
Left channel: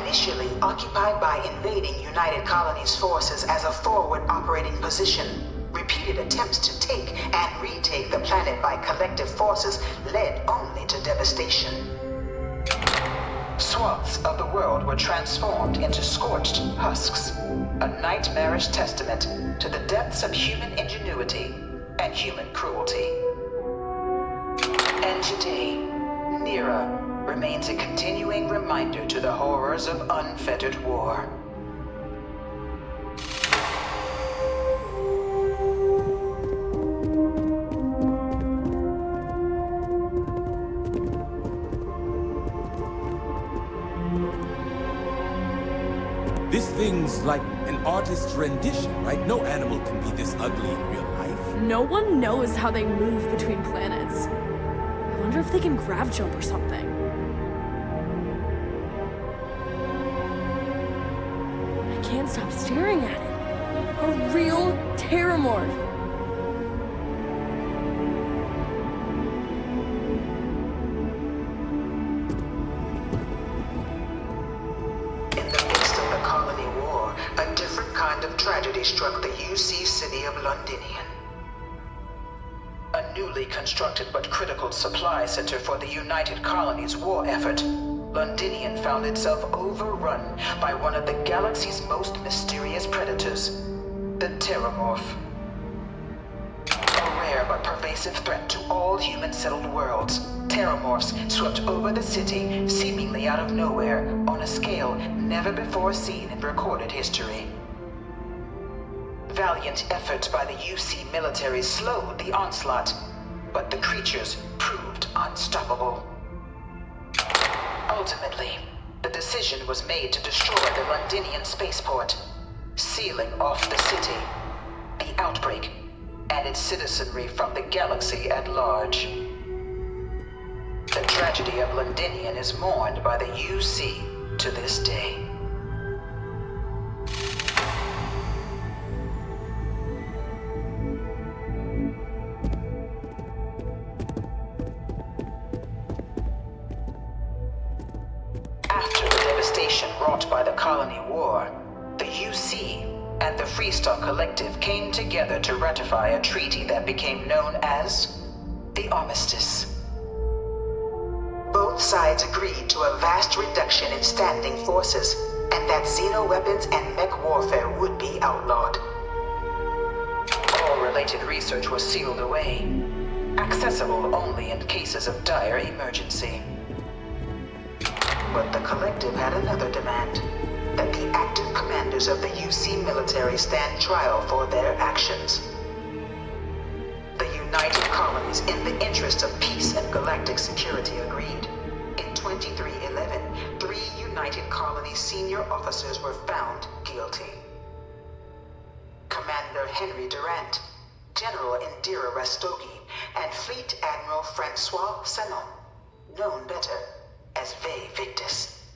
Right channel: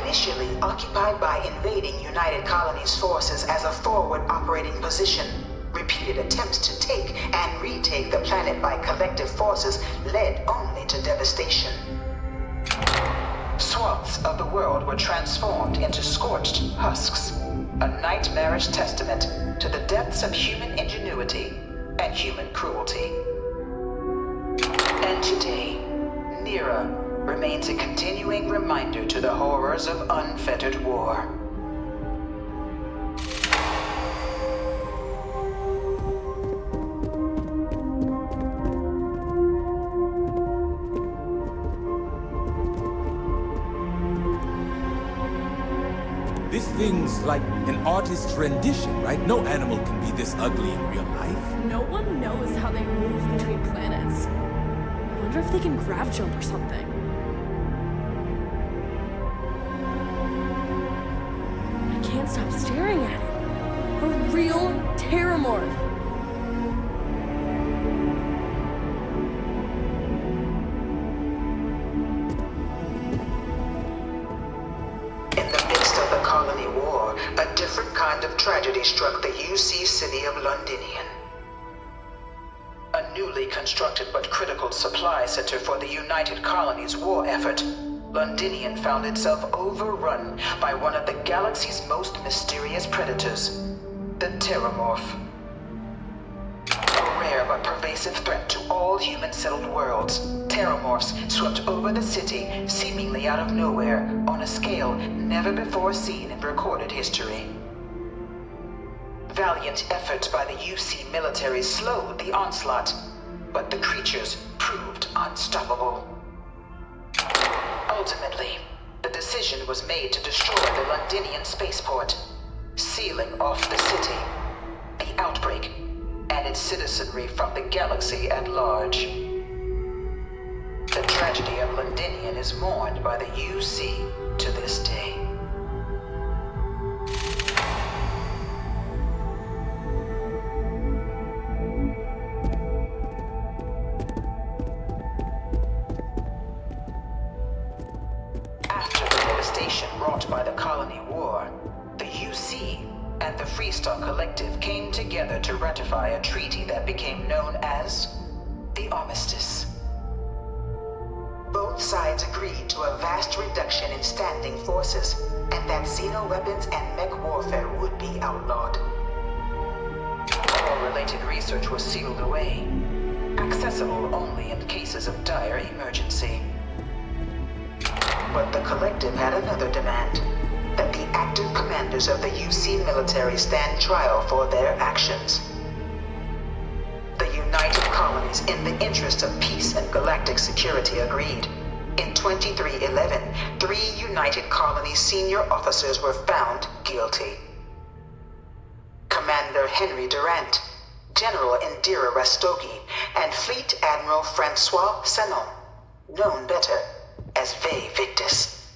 Initially occupied by invading United Colonies forces as a forward operating position, repeated attempts to take and retake the planet by collective forces led only to devastation. Swaths of the world were transformed into scorched husks, a nightmarish testament to the depths of human ingenuity and human cruelty. And today, Nira remains a continuing reminder to the horrors of unfettered war. This thing's like an artist's rendition, right? No animal can be this ugly in real life. No one knows how they move between planets. I wonder if they can grav jump or something. I can't stop staring at it. A real terramorph. In the midst of the Colony War, a different kind of tragedy struck the UC city of Londinian. A newly constructed but critical supply center for the United Colonies' war effort, Londinian found itself overrun by one of the galaxy's most mysterious predators, the Terramorph. A rare but pervasive threat to all human-settled worlds, Terramorphs swept over the city, seemingly out of nowhere, on a scale never before seen in recorded history. Valiant efforts by the UC military slowed the onslaught, but the creatures proved unstoppable. Ultimately, the decision was made to destroy the Londinian spaceport, sealing off the city, the outbreak, and its citizenry from the galaxy at large. The tragedy of Londinian is mourned by the UC to this day. After the devastation wrought by the Colony War, the UC and the Freestar Collective came together to ratify a treaty that became known as the Armistice. Both sides agreed to a vast reduction in standing forces, and that xenoweapons and mech warfare would be outlawed. All related research was sealed away, accessible only in cases of dire emergency. But the Collective had another demand, that the active commanders of the UC military stand trial for their actions. The United Colonies, in the interest of peace and galactic security, agreed. In 2311, 3 United Colonies senior officers were found guilty. Commander Henry Durant, General Indira Rastogi, and Fleet Admiral Francois Sanon, known better as Ve Victus.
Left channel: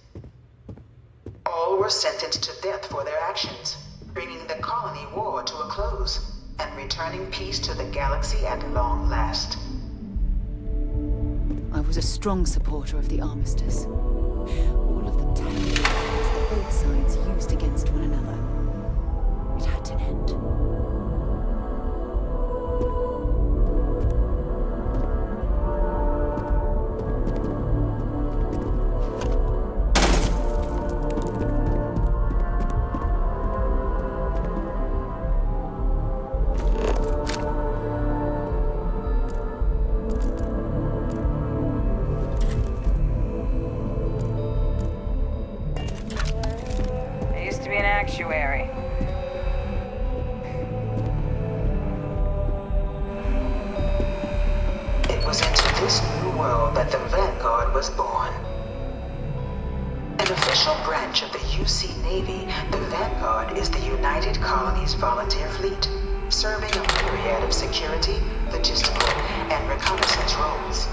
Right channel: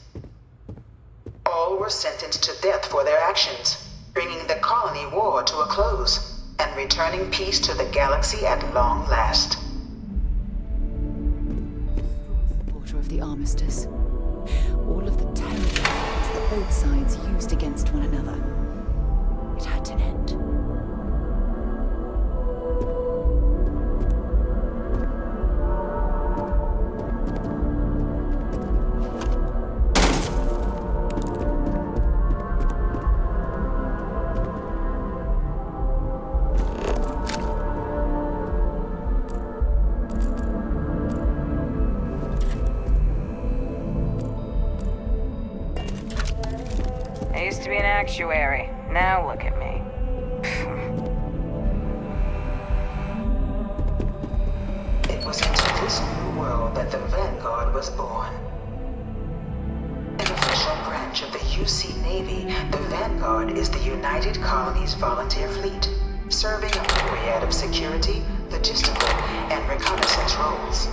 All were sentenced to death for their actions, bringing the Colony War to a close and returning peace to the galaxy at long last. I was a strong supporter of the Armistice. All of the terrible weapons that both sides used against one another. It had to actuary. Now look at me. It was into this new world that the Vanguard was born. An official branch of the UC Navy, the Vanguard is the United Colonies Volunteer Fleet, serving a myriad of security, logistical, and reconnaissance roles.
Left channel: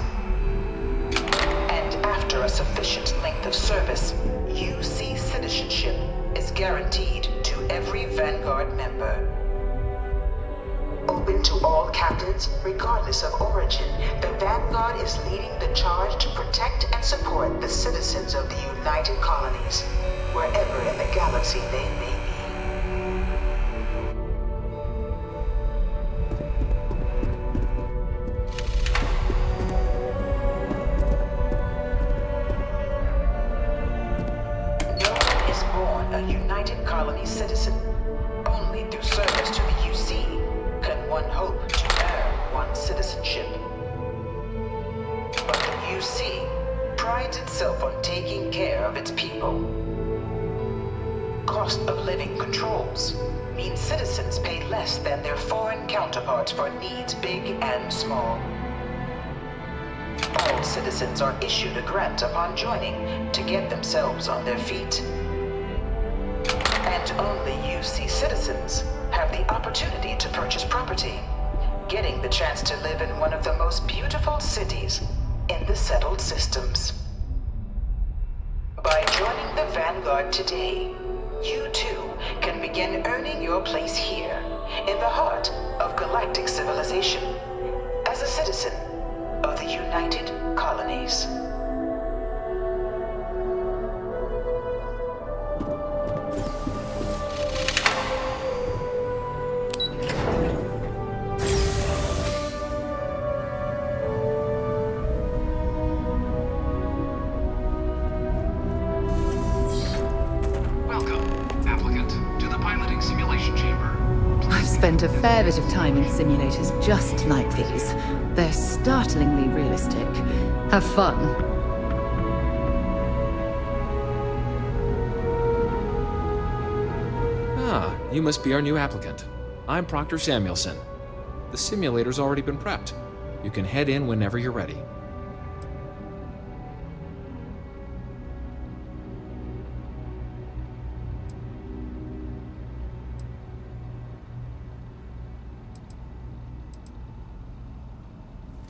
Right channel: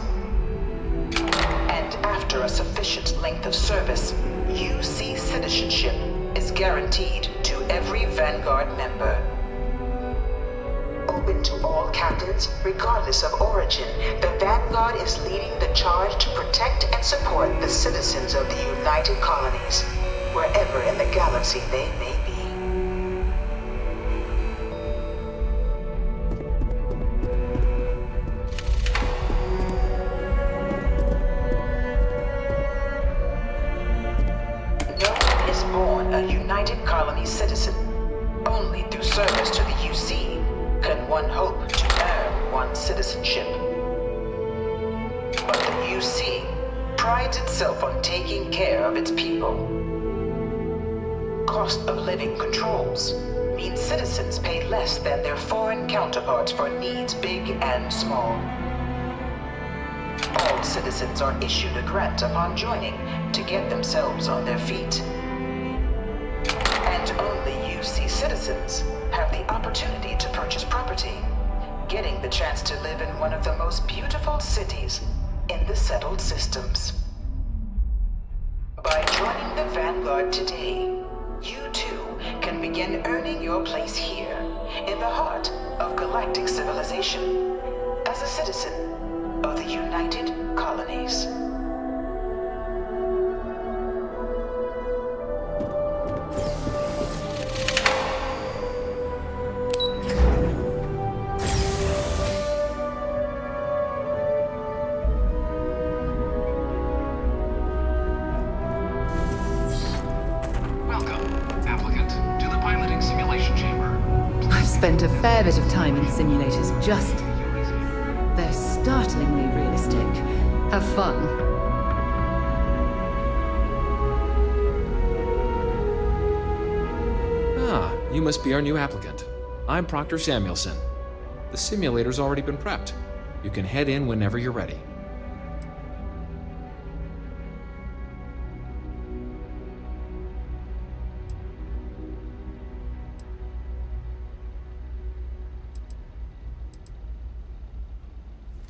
And after a sufficient length of service, UC citizenship is guaranteed to every Vanguard member. Open to all captains, regardless of origin, the Vanguard is leading the charge to protect and support the citizens of the United Colonies, wherever in the galaxy they may be. No one is born a United Colonies citizen. Only through service to the UC can one hope to earn one's citizenship. But the UC prides itself on taking care of its people. Cost of living controls mean citizens pay less than their foreign counterparts for needs big and small. All citizens are issued a grant upon joining to get themselves on their feet. And only UC citizens have the opportunity to purchase property, getting the chance to live in one of the most beautiful cities in the settled systems. By joining the Vanguard today, you too can begin earning your place here, in the heart of galactic civilization, as a citizen of the United Colonies. Spent a fair bit of time in simulators just like these. They're startlingly realistic. Have fun. Ah, you must be our new applicant. I'm Proctor Samuelson. The simulator's already been prepped. You can head in whenever you're ready.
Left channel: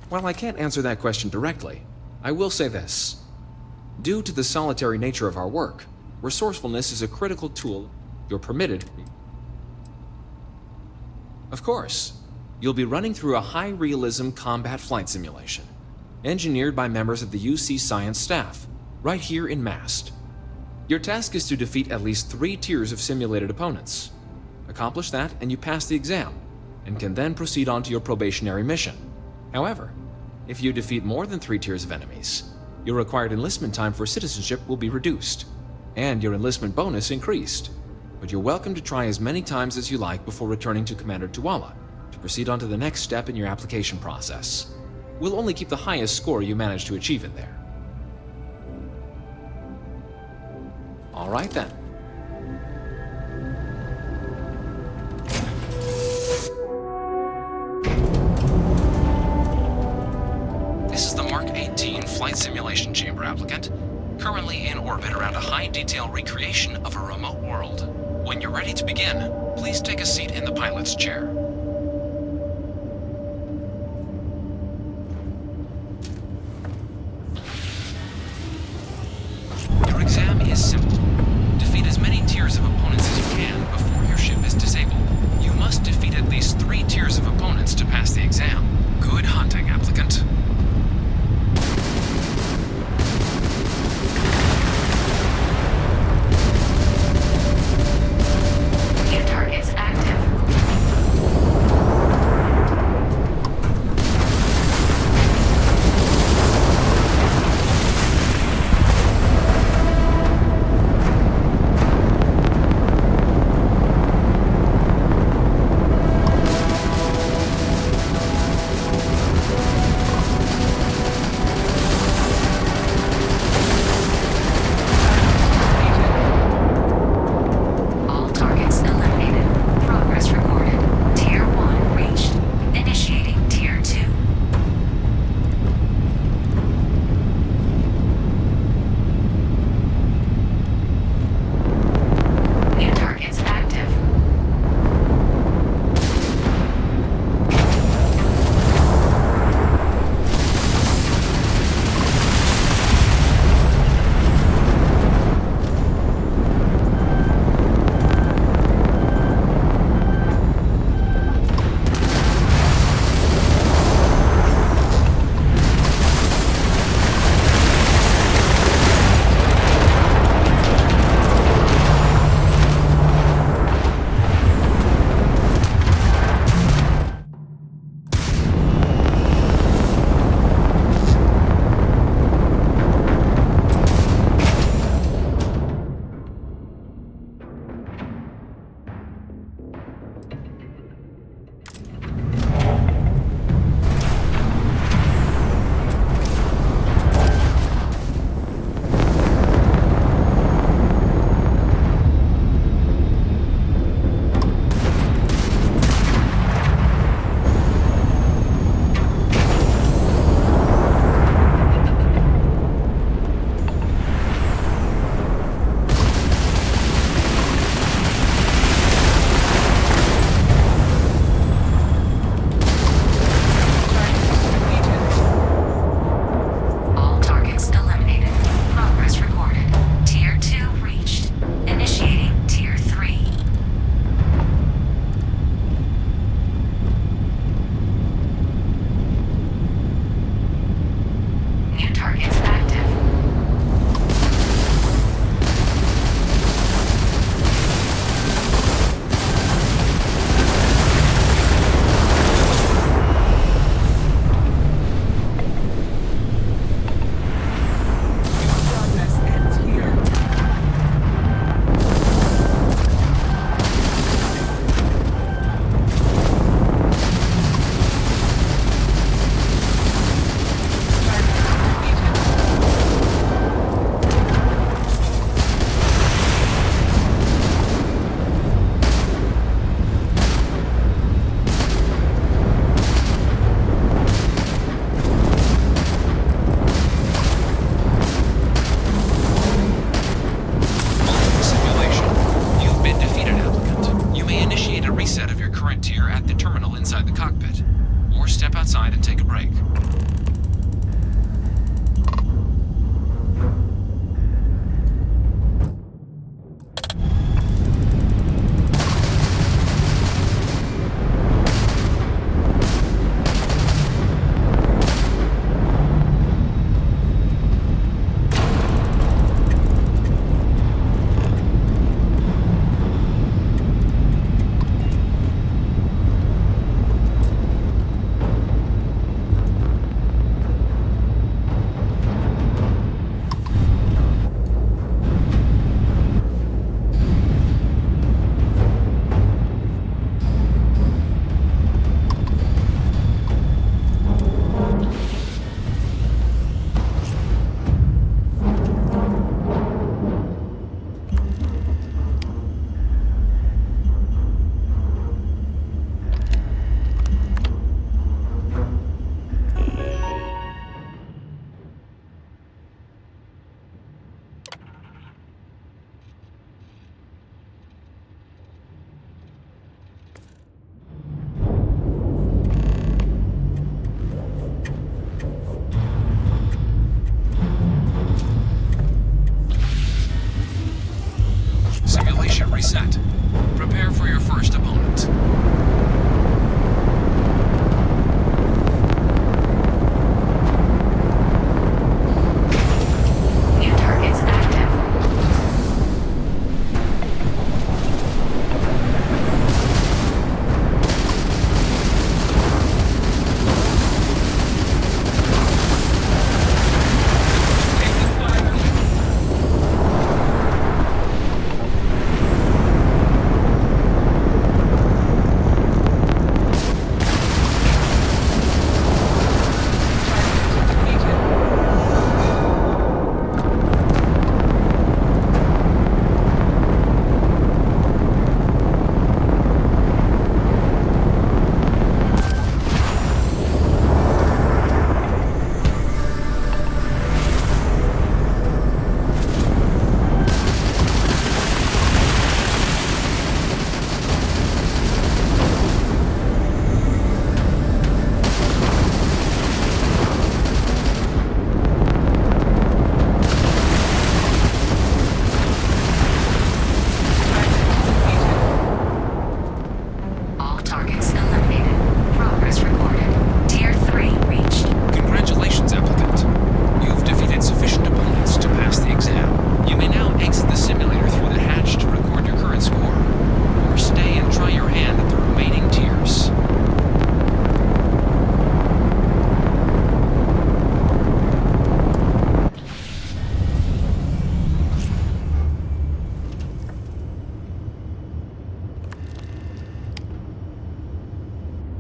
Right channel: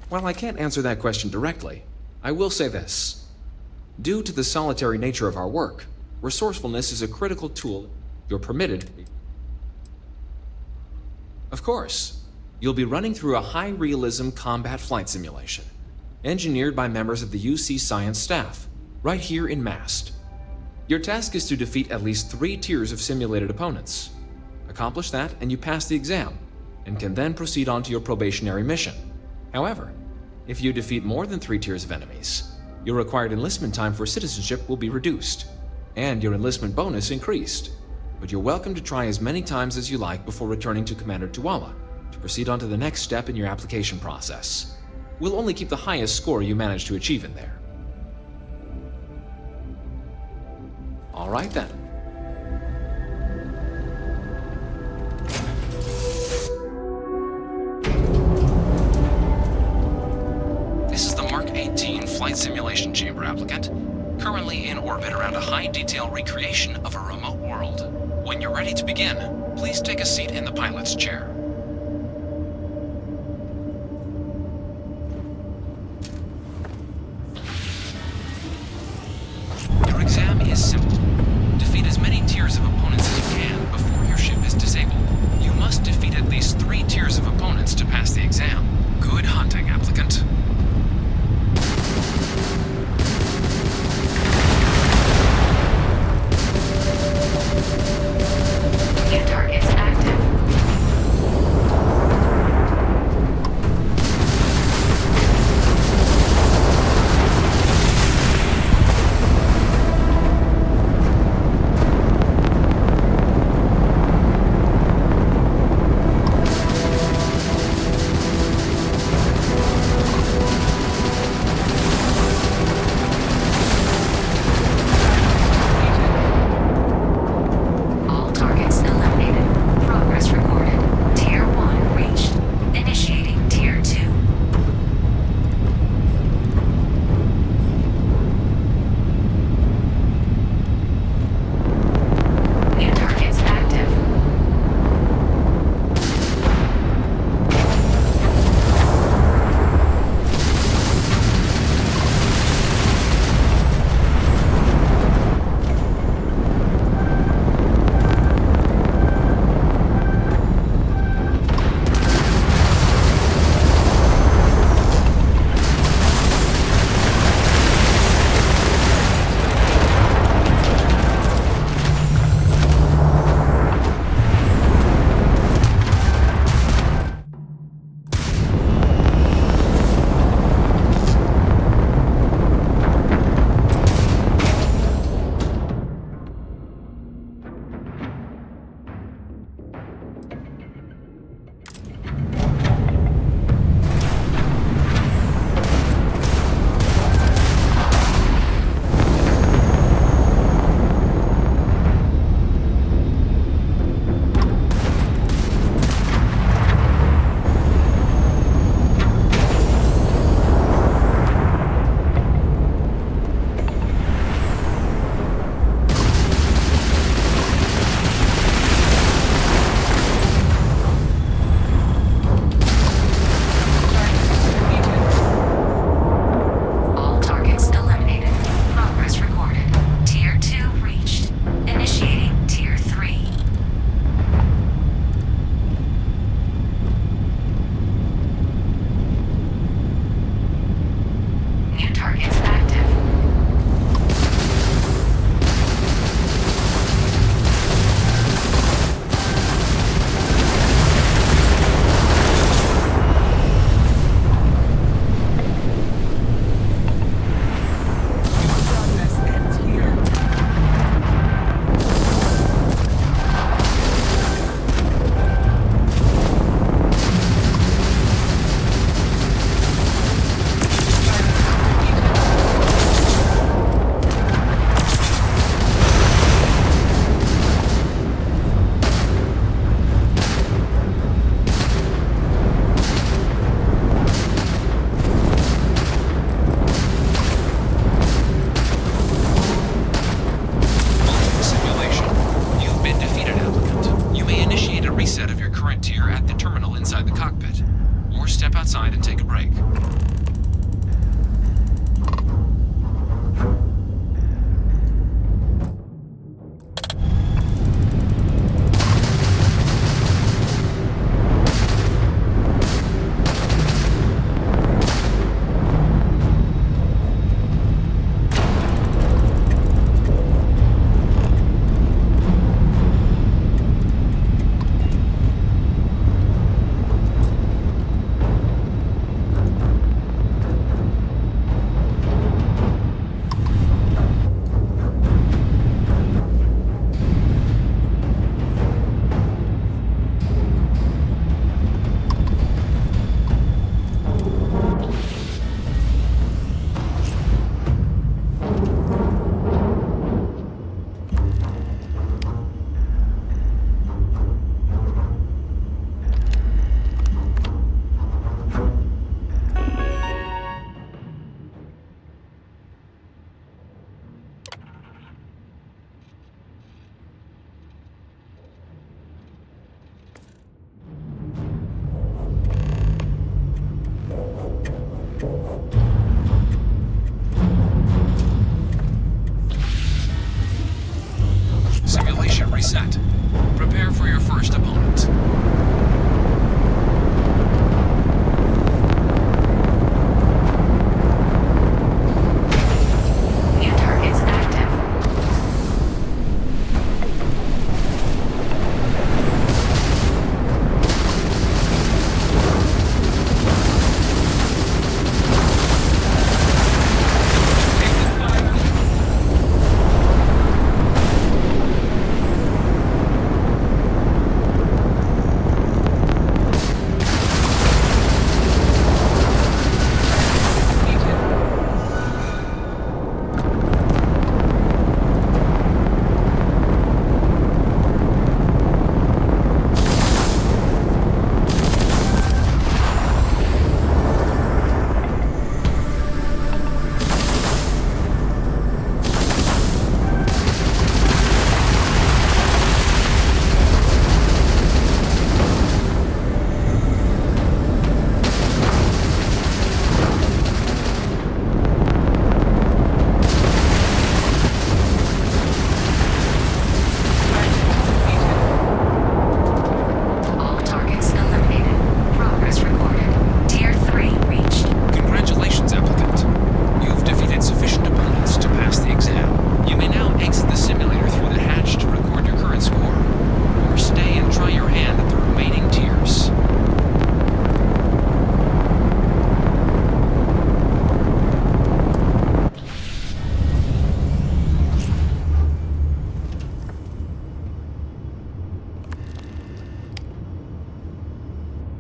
While I can't answer that question directly, I will say this. Due to the solitary nature of our work, resourcefulness is a critical tool you're permitted. Of course, you'll be running through a high-realism combat flight simulation, engineered by members of the UC science staff, right here in MAST. Your task is to defeat at least 3 tiers of simulated opponents. Accomplish that and you pass the exam, and can then proceed on to your probationary mission. However, if you defeat more than 3 tiers of enemies, your required enlistment time for citizenship will be reduced, and your enlistment bonus increased. But you're welcome to try as many times as you like before returning to Commander Tuala to proceed on to the next step in your application process. We'll only keep the highest score you manage to achieve in there. All right then. This is the Mark 18 Flight Simulation Chamber applicant, currently in orbit around a high-detail recreation of a remote world. When you're ready to begin, please take a seat in the pilot's chair. Your exam is simple. Defeat as many tiers of opponents as you can before your ship is disabled. You must defeat at least 3 tiers of opponents to pass the exam. Good hunting, applicant. New targets active. set. Prepare for your first opponent. New targets active.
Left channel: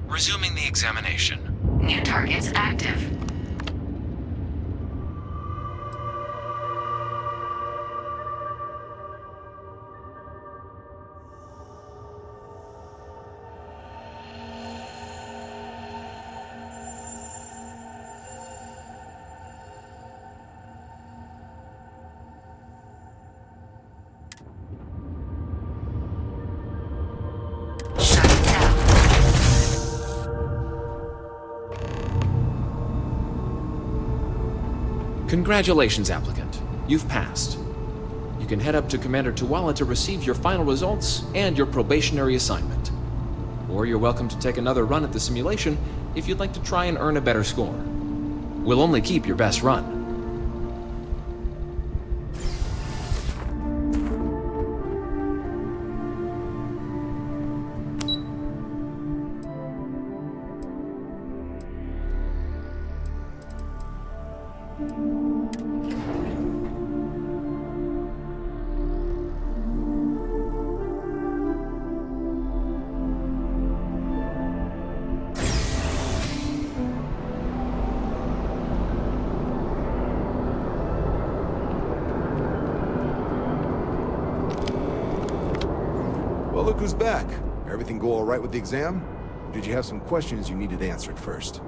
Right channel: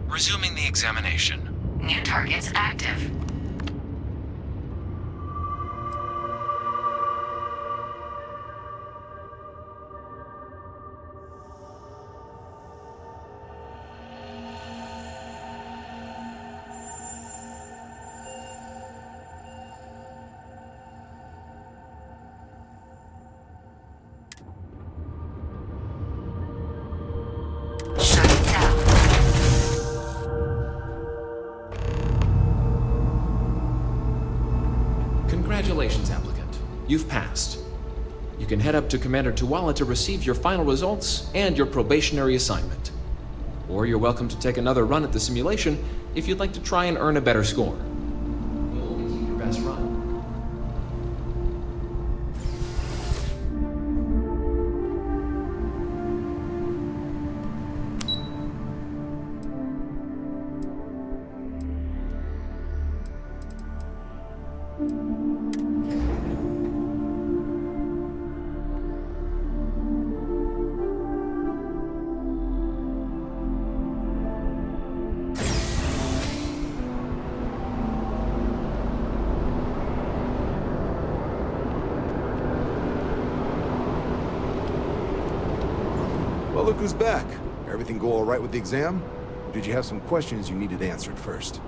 Resuming the examination. New targets active. Congratulations, applicant. You've passed. You can head up to Commander Tuwala to receive your final results and your probationary assignment. Or you're welcome to take another run at the simulation if you'd like to try and earn a better score. We'll only keep your best run. Well, look who's back. Everything go all right with the exam? Or did you have some questions you needed answered first?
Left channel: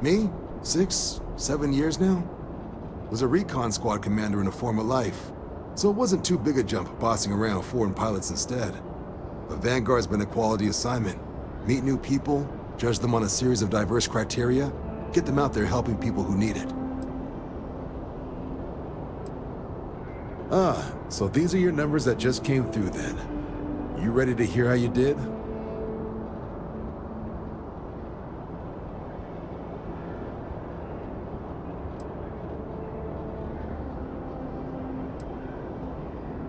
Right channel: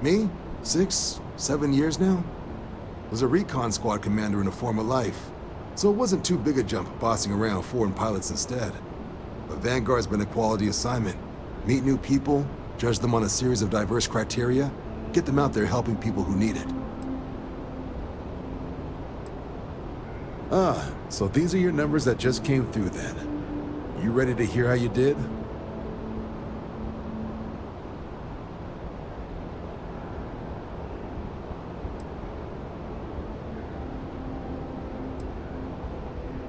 Me? 6, 7 years now? Was a recon squad commander in a former life. So it wasn't too big a jump bossing around foreign pilots instead. But Vanguard's been a quality assignment. Meet new people, judge them on a series of diverse criteria, get them out there helping people who need it. Ah, so these are your numbers that just came through then. You ready to hear how you did?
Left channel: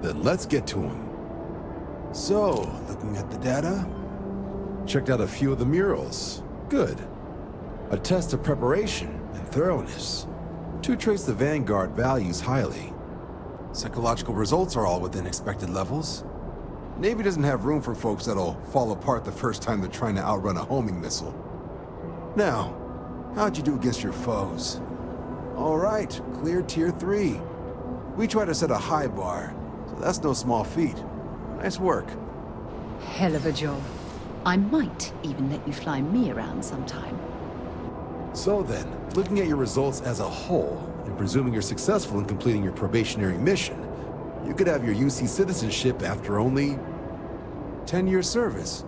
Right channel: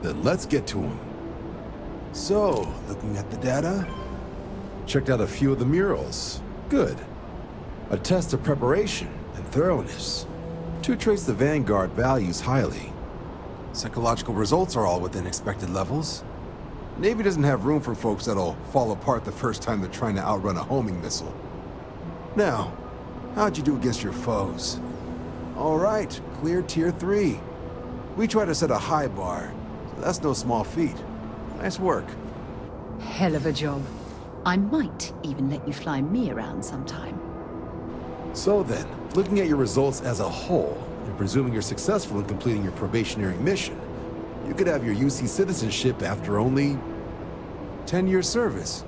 Then let's get to them. So, looking at the data, checked out a few of the murals. Good. A test of preparation and thoroughness. 2 traits the Vanguard values highly. Psychological results are all within expected levels. Navy doesn't have room for folks that'll fall apart the first time they're trying to outrun a homing missile. Now, how'd you do against your foes? All right, cleared Tier 3. We try to set a high bar, so that's no small feat. Nice work. Hell of a job. I might even let you fly me around sometime. So then, looking at your results as a whole, and presuming you're successful in completing your probationary mission, you could have your UC citizenship after only 10 years service.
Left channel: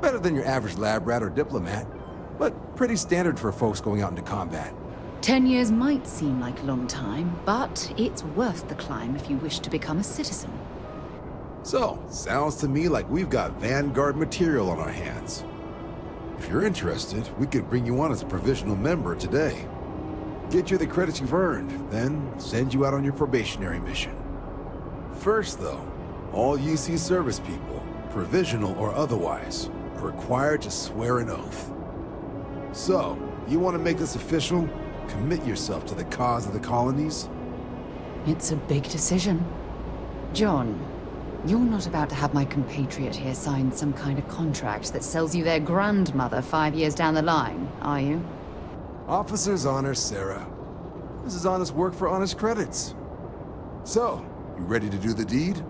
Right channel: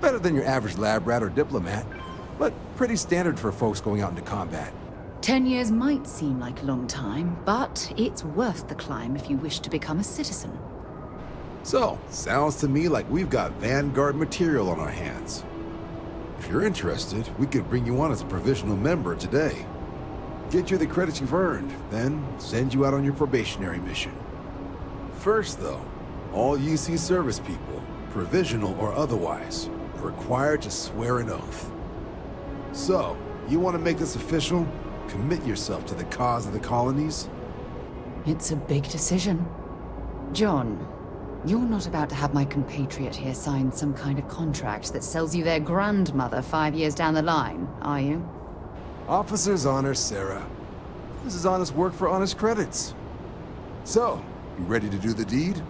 Better than your average lab rat or diplomat, but pretty standard for folks going out into combat. 10 years might seem like a long time, but it's worth the climb if you wish to become a citizen. So, sounds to me like we've got Vanguard material on our hands. If you're interested, we could bring you on as a provisional member today. Get you the credits you've earned, then send you out on your probationary mission. First, though, all UC service people, provisional or otherwise, are required to swear an oath. So, you want to make this official? Commit yourself to the cause of the colonies? It's a big decision. John, you're not about to have my compatriot here sign some kind of contract that sells you their grandmother 5 years down the line, are you? Officer's honor, Sarah. This is honest work for honest credits. So, you ready to do the deed?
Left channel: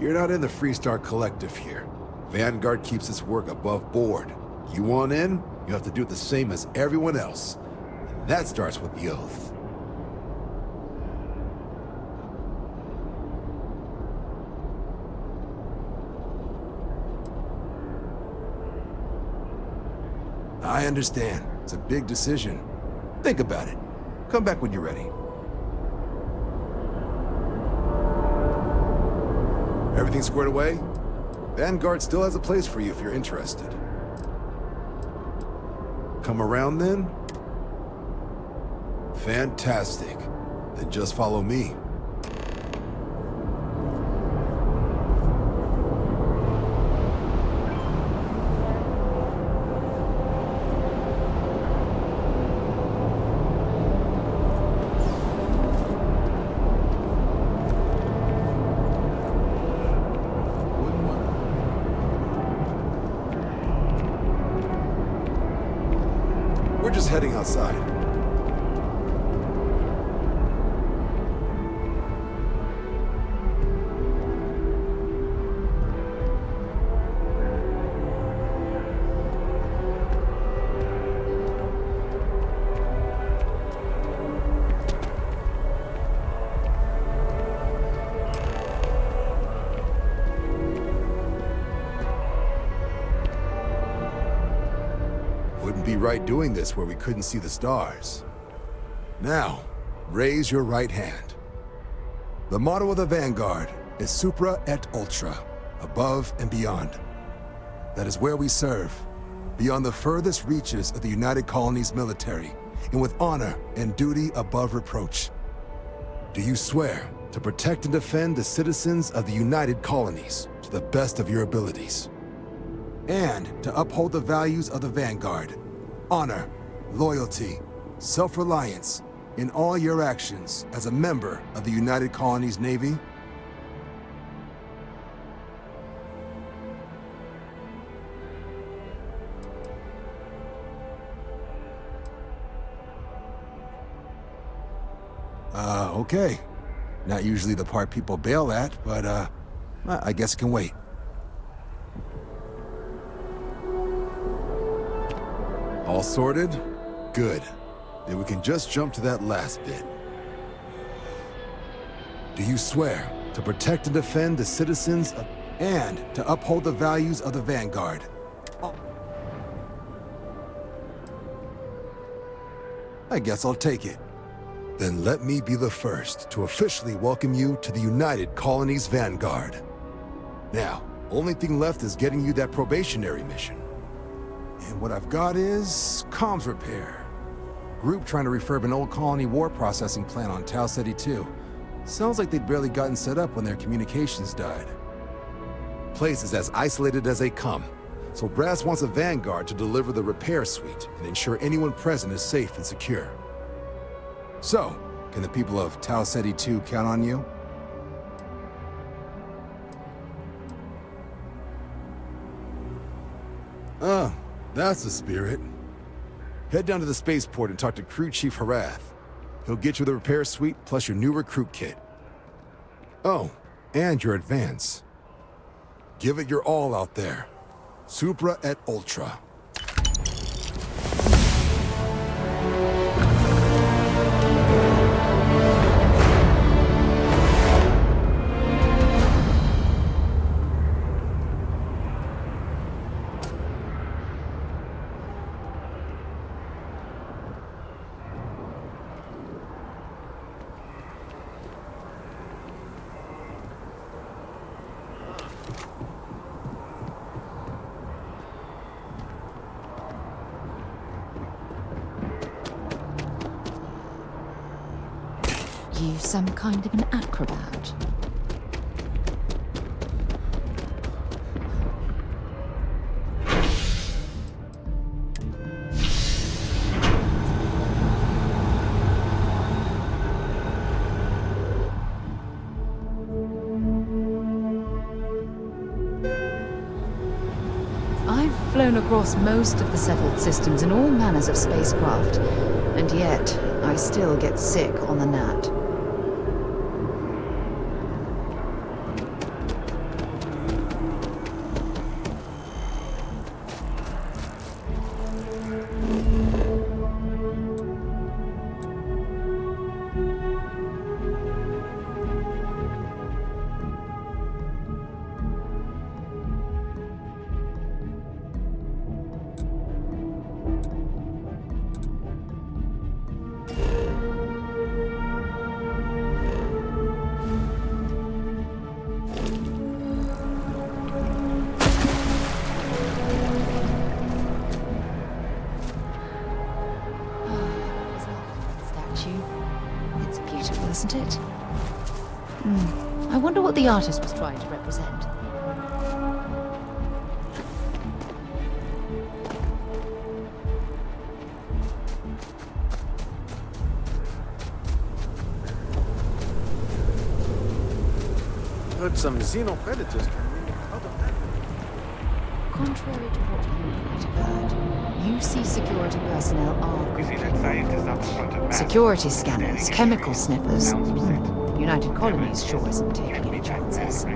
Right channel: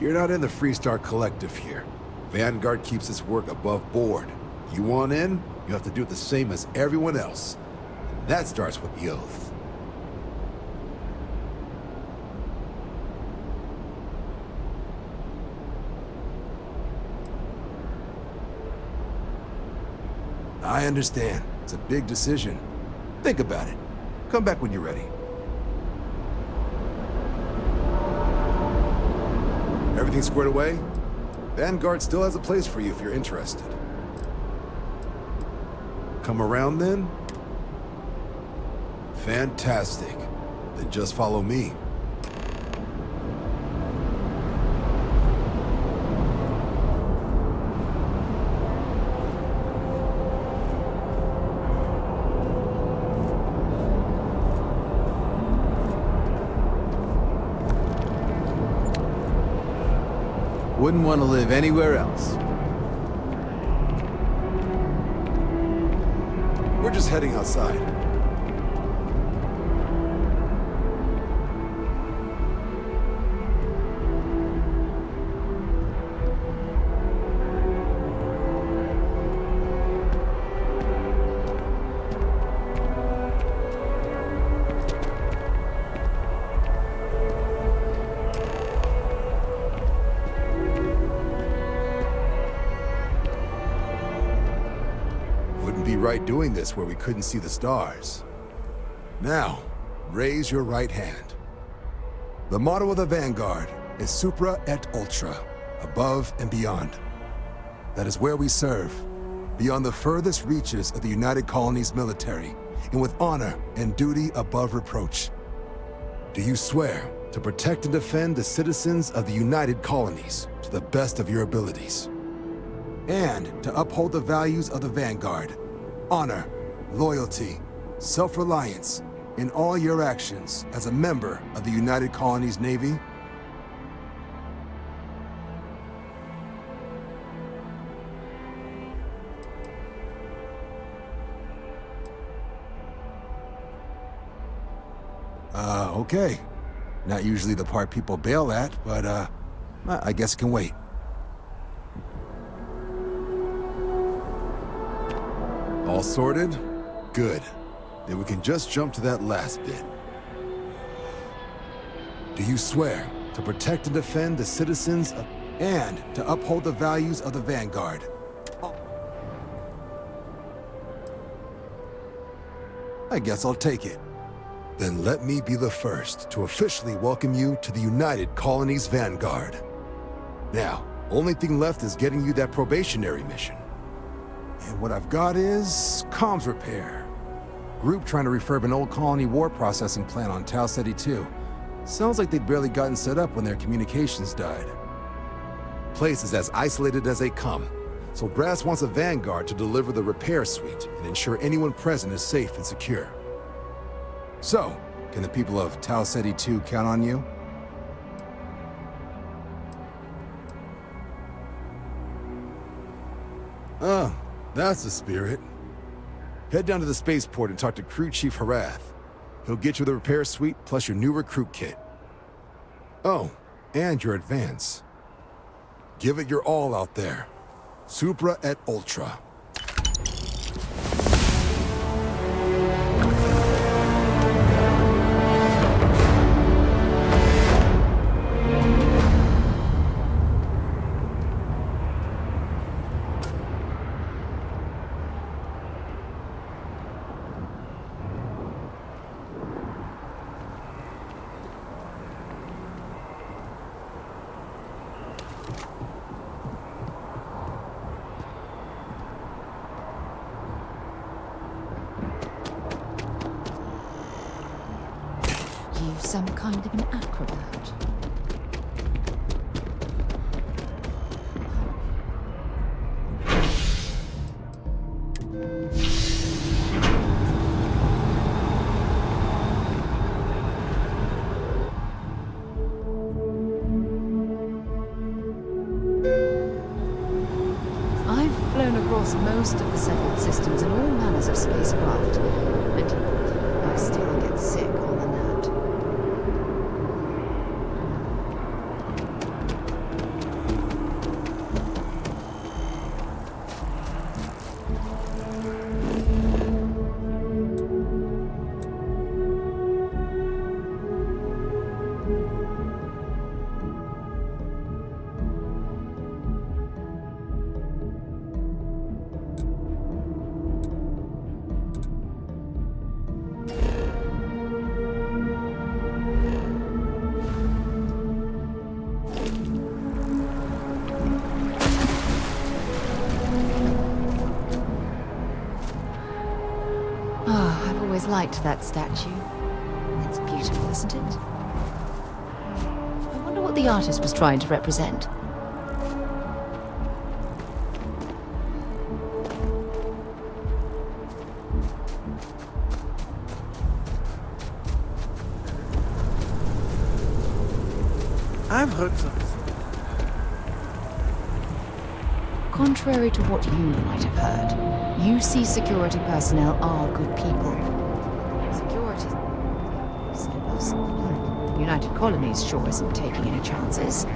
You're not in the Freestar Collective here. Vanguard keeps its work above board. You want in, you have to do it the same as everyone else. And that starts with the oath. I understand. It's a big decision. Think about it. Come back when you're ready. Everything squared away? Vanguard still has a place for you if you're interested. Come around then? Fantastic. Then just follow me. Wouldn't want to live anywhere else. We're just heading outside. Wouldn't be right doing this where we couldn't see the stars. Now, raise your right hand. The motto of the Vanguard is Supra et Ultra, above and beyond. That is where we serve, beyond the furthest reaches of the United Colonies military, and with honor and duty above reproach. Do you swear to protect and defend the citizens of the United Colonies to the best of your abilities? And to uphold the values of the Vanguard, honor, loyalty, self-reliance, in all your actions as a member of the United Colonies Navy? Okay. Not usually the part people bail at, but, I guess it can wait. All sorted? Good. Then we can just jump to that last bit. Do you swear to protect and defend the citizens of, and to uphold the values of the Vanguard? I guess I'll take it. Then let me be the first to officially welcome you to the United Colonies Vanguard. Now, only thing left is getting you that probationary mission. And what I've got is comms repair. Group trying to refurb an old colony war processing plant on Tau Ceti 2. Sounds like they'd barely gotten set up when their communications died. Place is as isolated as they come, so Brass wants a Vanguard to deliver the repair suite and ensure anyone present is safe and secure. So, can the people of Tau Ceti 2 count on you? Oh, that's the spirit. Head down to the spaceport and talk to Crew Chief Harath. He'll get you the repair suite plus your new recruit kit. Oh, and your advance. Give it your all out there. Supra et Ultra. You some kind of an acrobat. I've flown across most of the settled systems in all manners of spacecraft, and yet I still get sick on the gnat. Liked that statue. It's beautiful, isn't it? I wonder what the artist was trying to represent. I've heard some xenopredators. Contrary to what you might have heard, UC security personnel are good people. Security scanners, chemical sniffers. The United Colonies sure isn't taking any chances.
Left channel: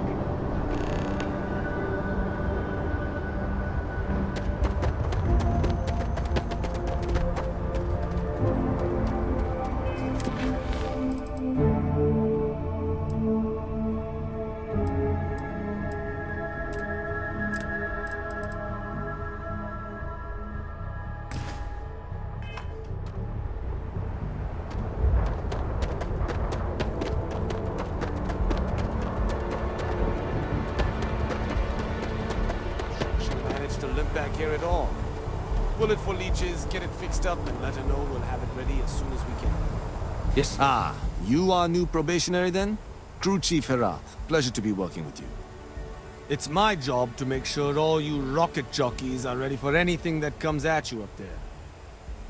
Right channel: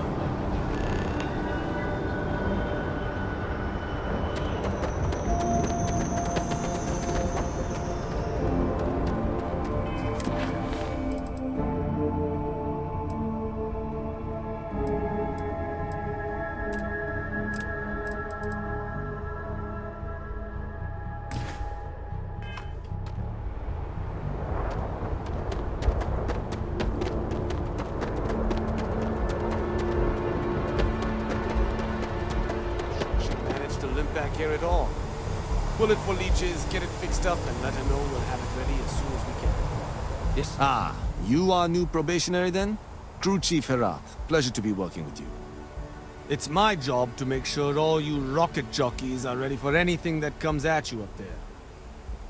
To limp back here at all. Bullet for leeches, get it fixed up, and let her know we'll have it ready as soon as we can. Yes. Ah, you are new probationary then? Crew Chief Herat. Pleasure to be working with you. It's my job to make sure all you rocket jockeys are ready for anything that comes at you up there.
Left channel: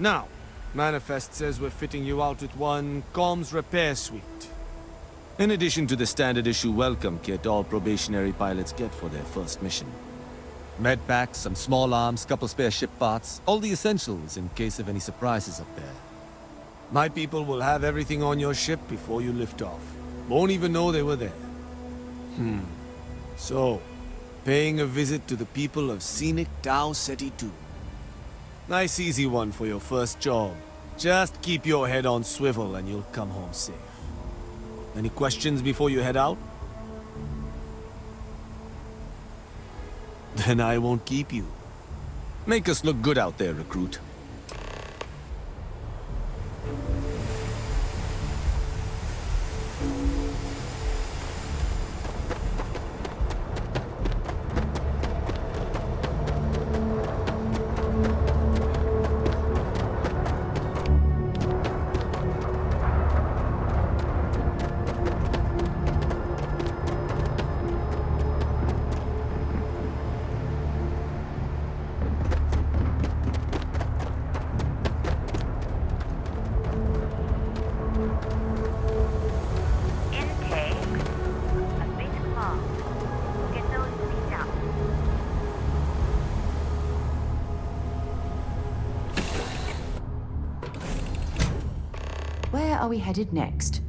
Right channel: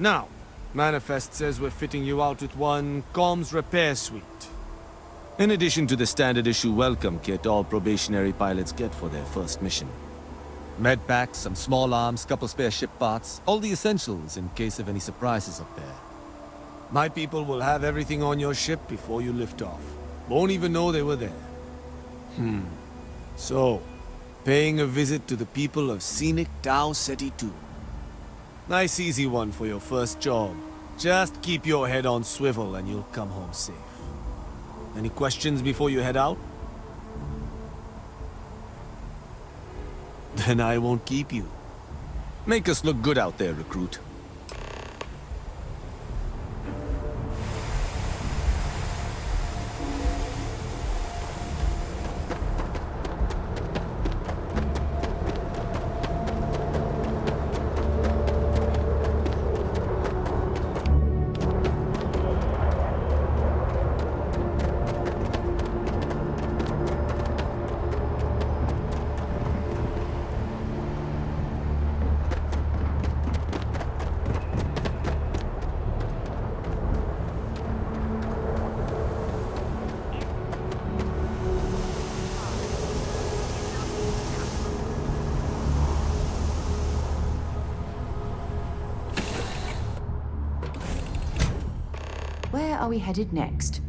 Now, Manifest says we're fitting you out with one comms repair suite. In addition to the standard issue welcome kit all probationary pilots get for their first mission. Med packs, some small arms, couple spare ship parts, all the essentials in case of any surprises up there. My people will have everything on your ship before you lift off. Won't even know they were there. So, paying a visit to the people of scenic Tau Ceti 2. Nice easy one for your first job. Just keep your head on swivel and you'll come home safe. Any questions before you head out? Then I won't keep you. Make us look good out there, recruit. Where are we headed next?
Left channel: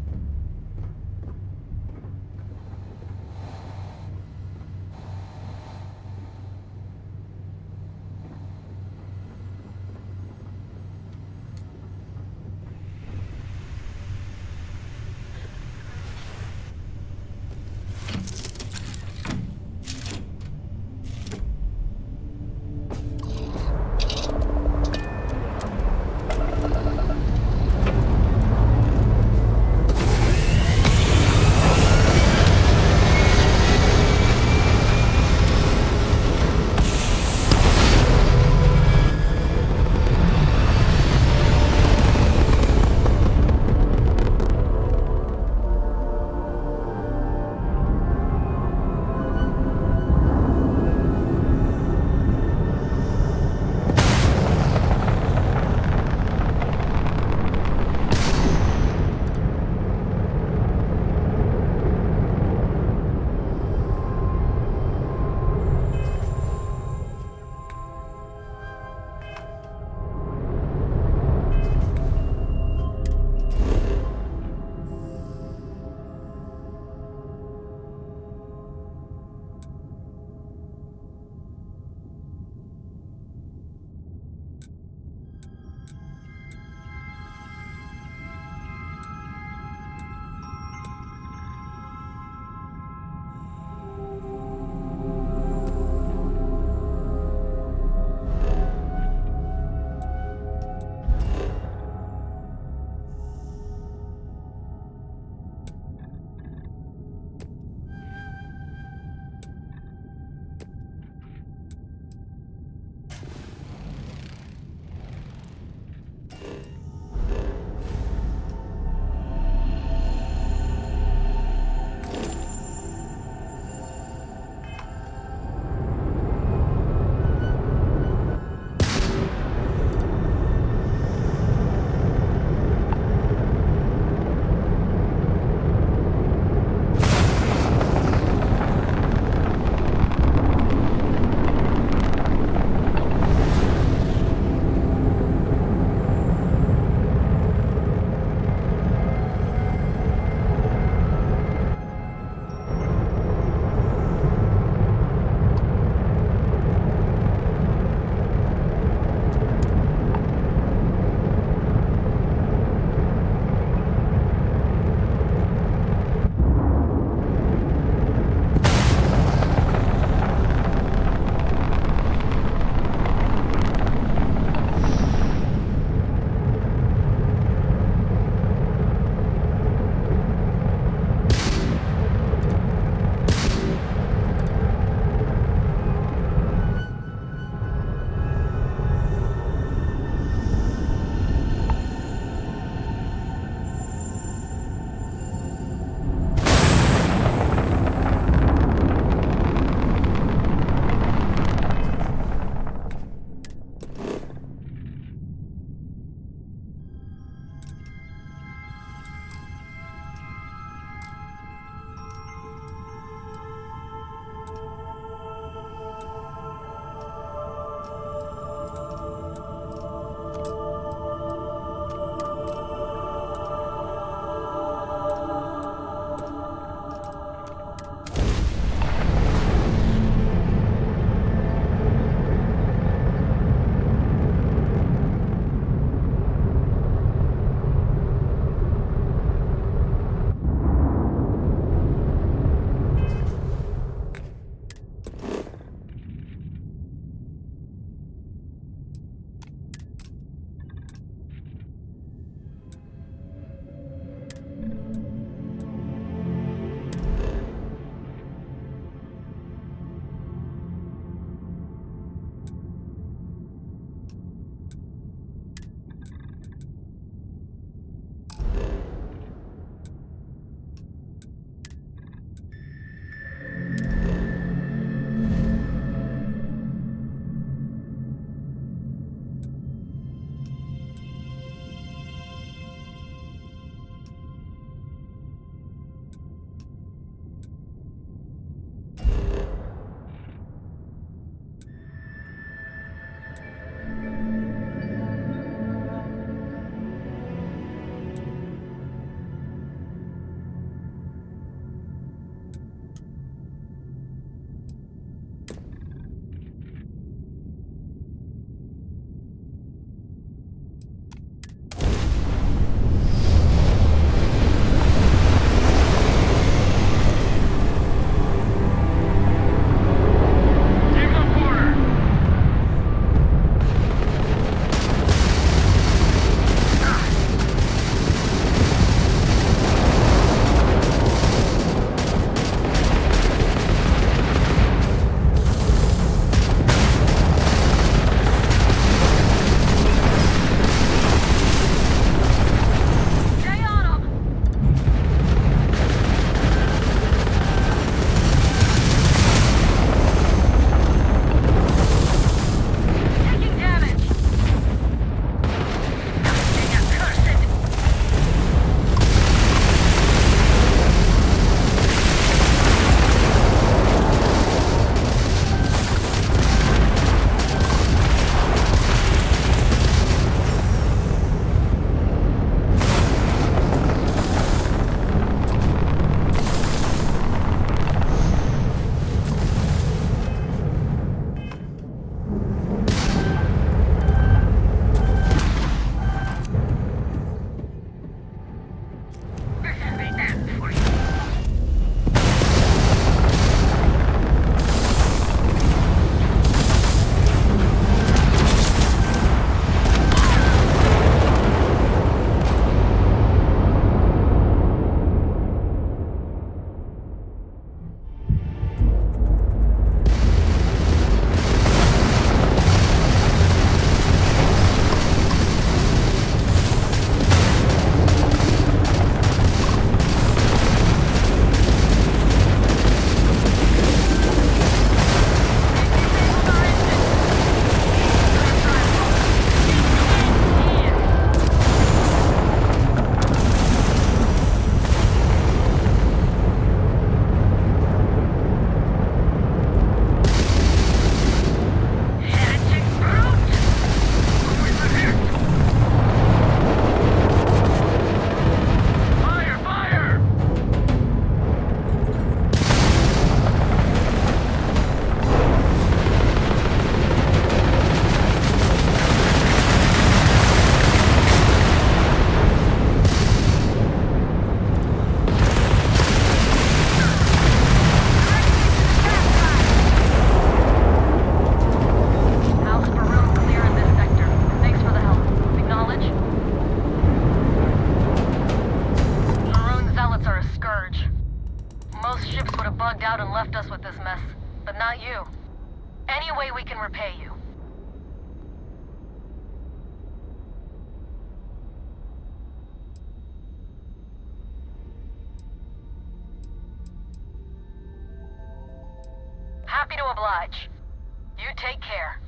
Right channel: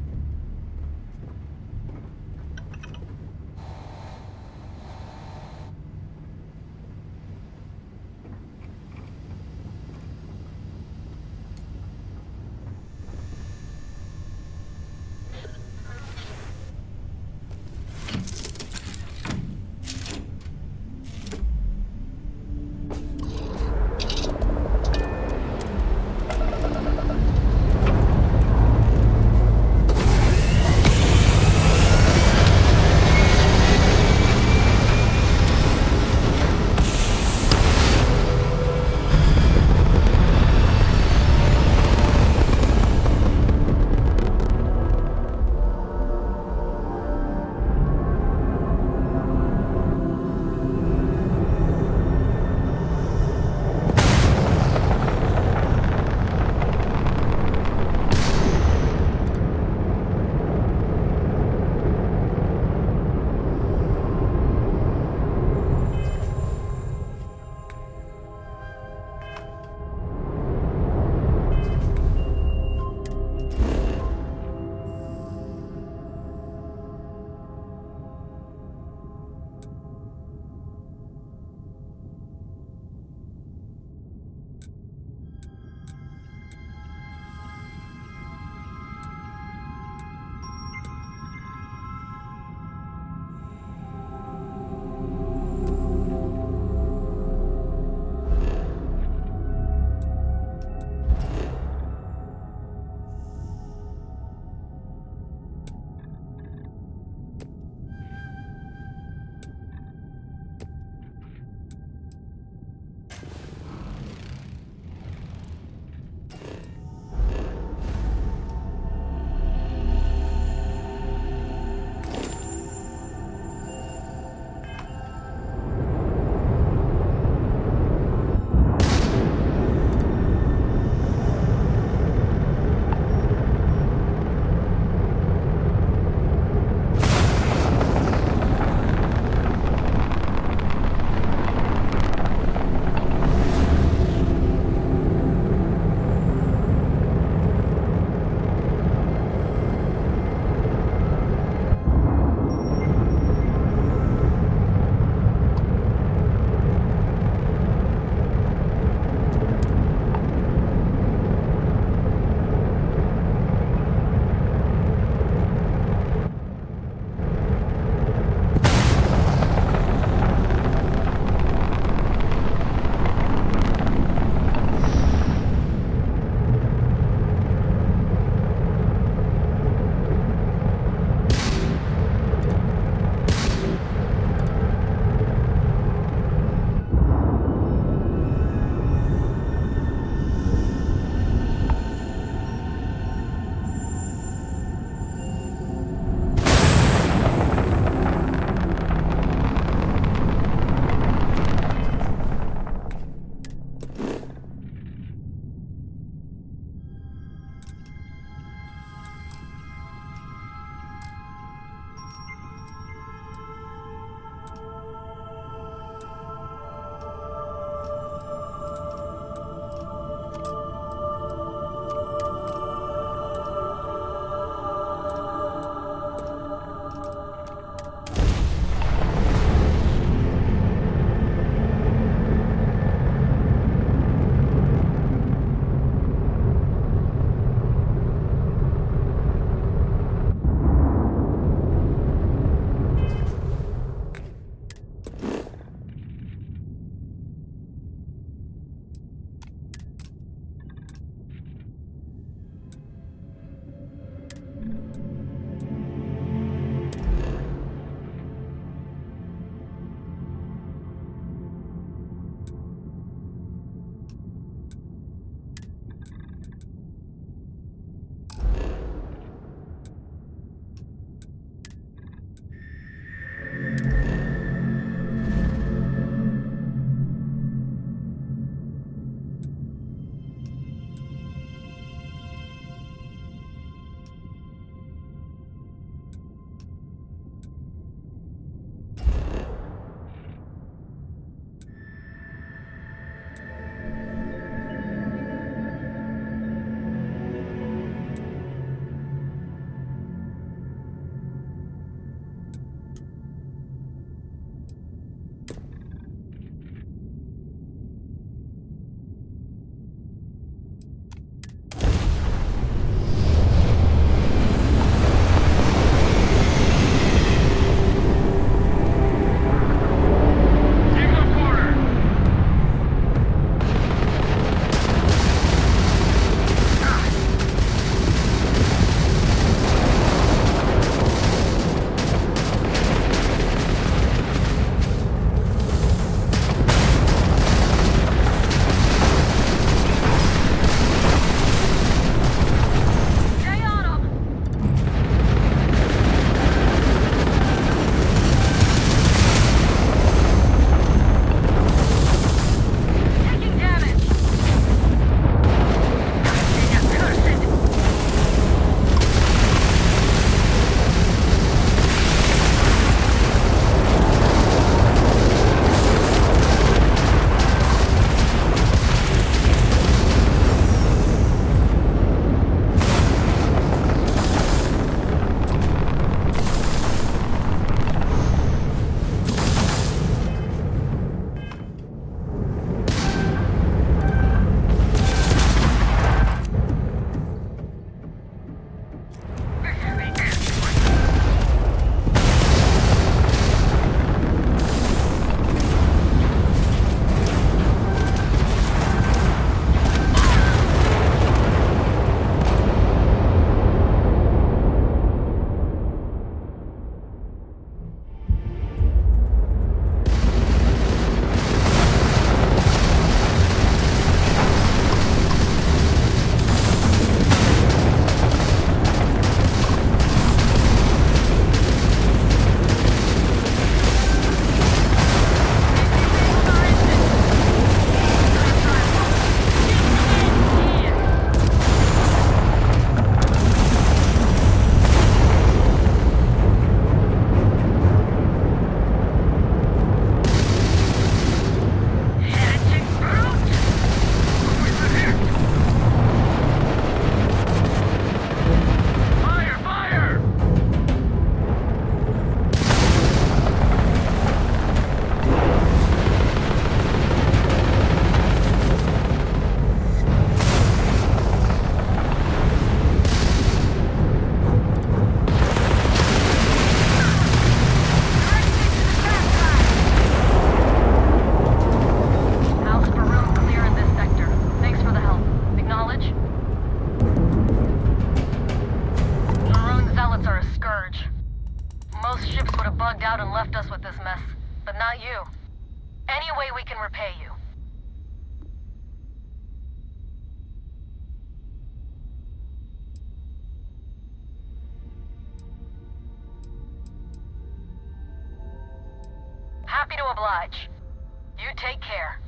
us with this mess, but not you. Any way we can repay you. Happy to oblige. You take care.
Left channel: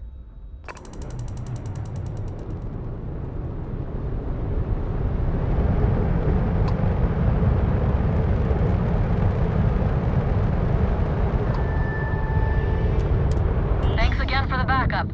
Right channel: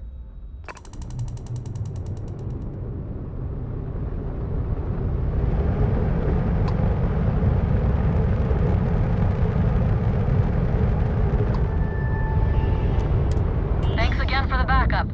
Thanks again for the backup.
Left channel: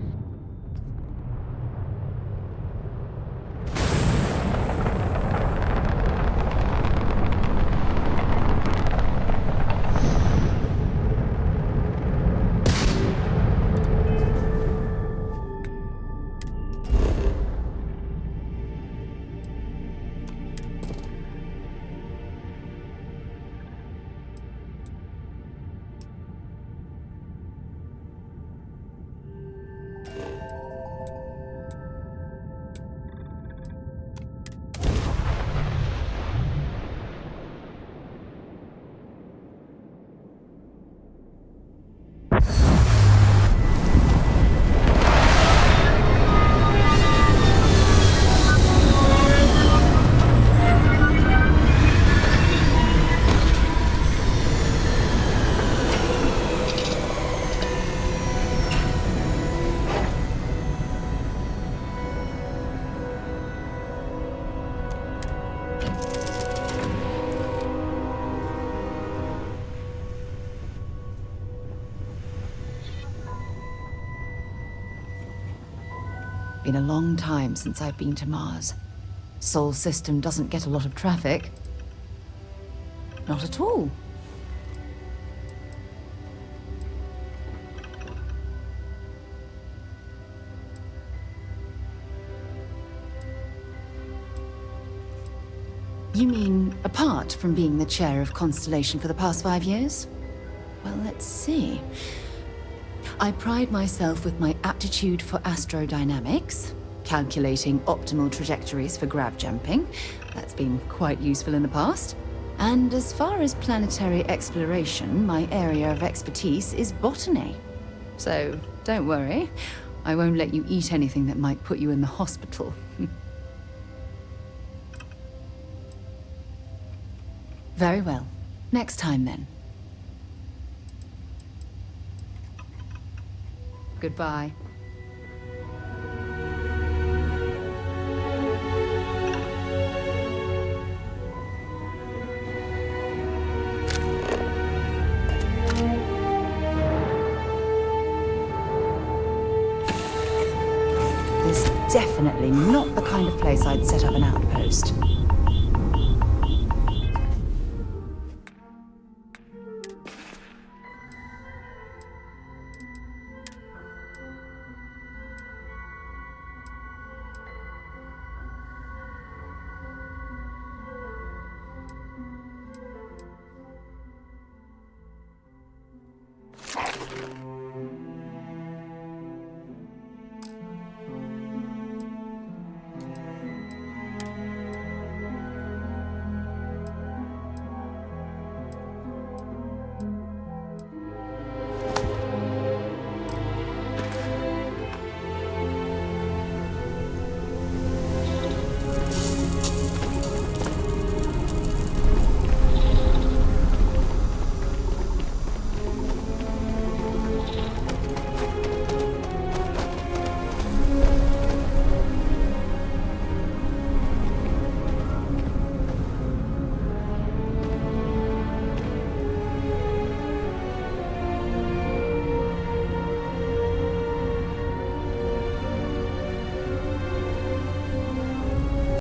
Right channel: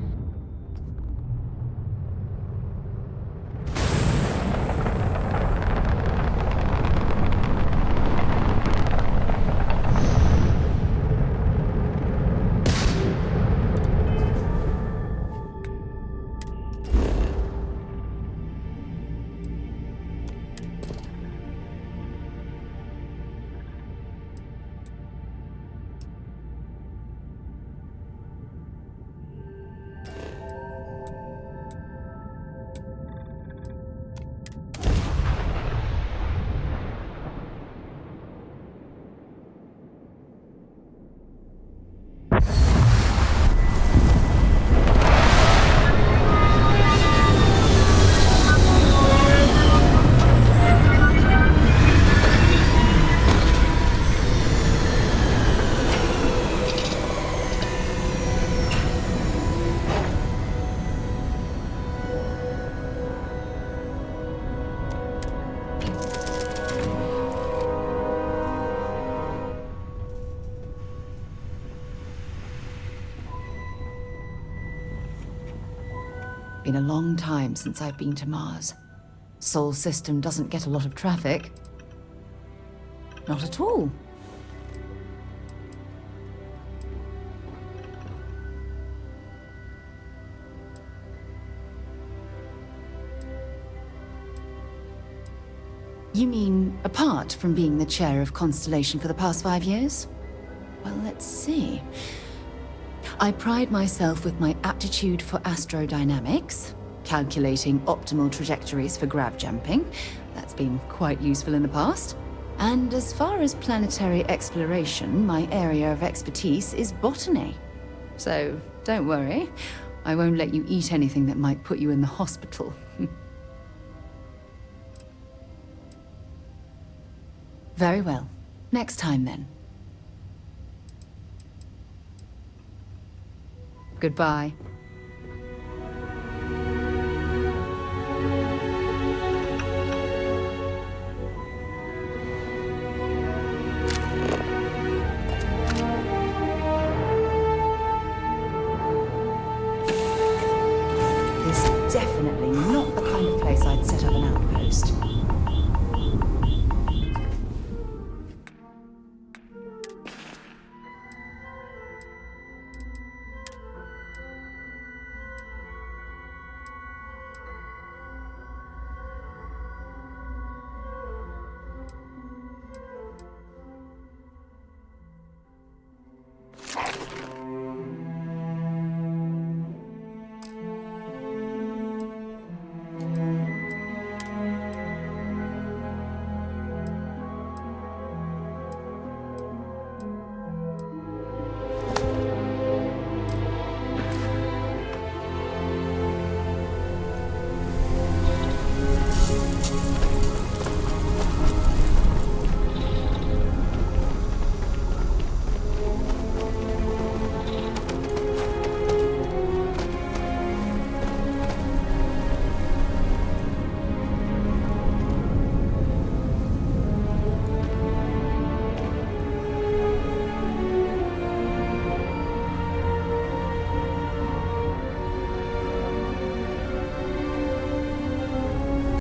Been a long time since I've been to Mars. Sol system doesn't get a lot of traffic. Not at all. You mean apart from being the chair of Constellation for the past 5 years? Well, let's see. I pride myself with my aptitude for astrodynamics, calculating optimal trajectories for grav jumping. That's been quite useful in the past. And as far as planetary exploration, my area of expertise is botany. So don't worry, I won't let you eat anything that might put you in the hospital. Very well. Next time then. Goodbye. This is definitely not the kind of place I'd set up an outpost.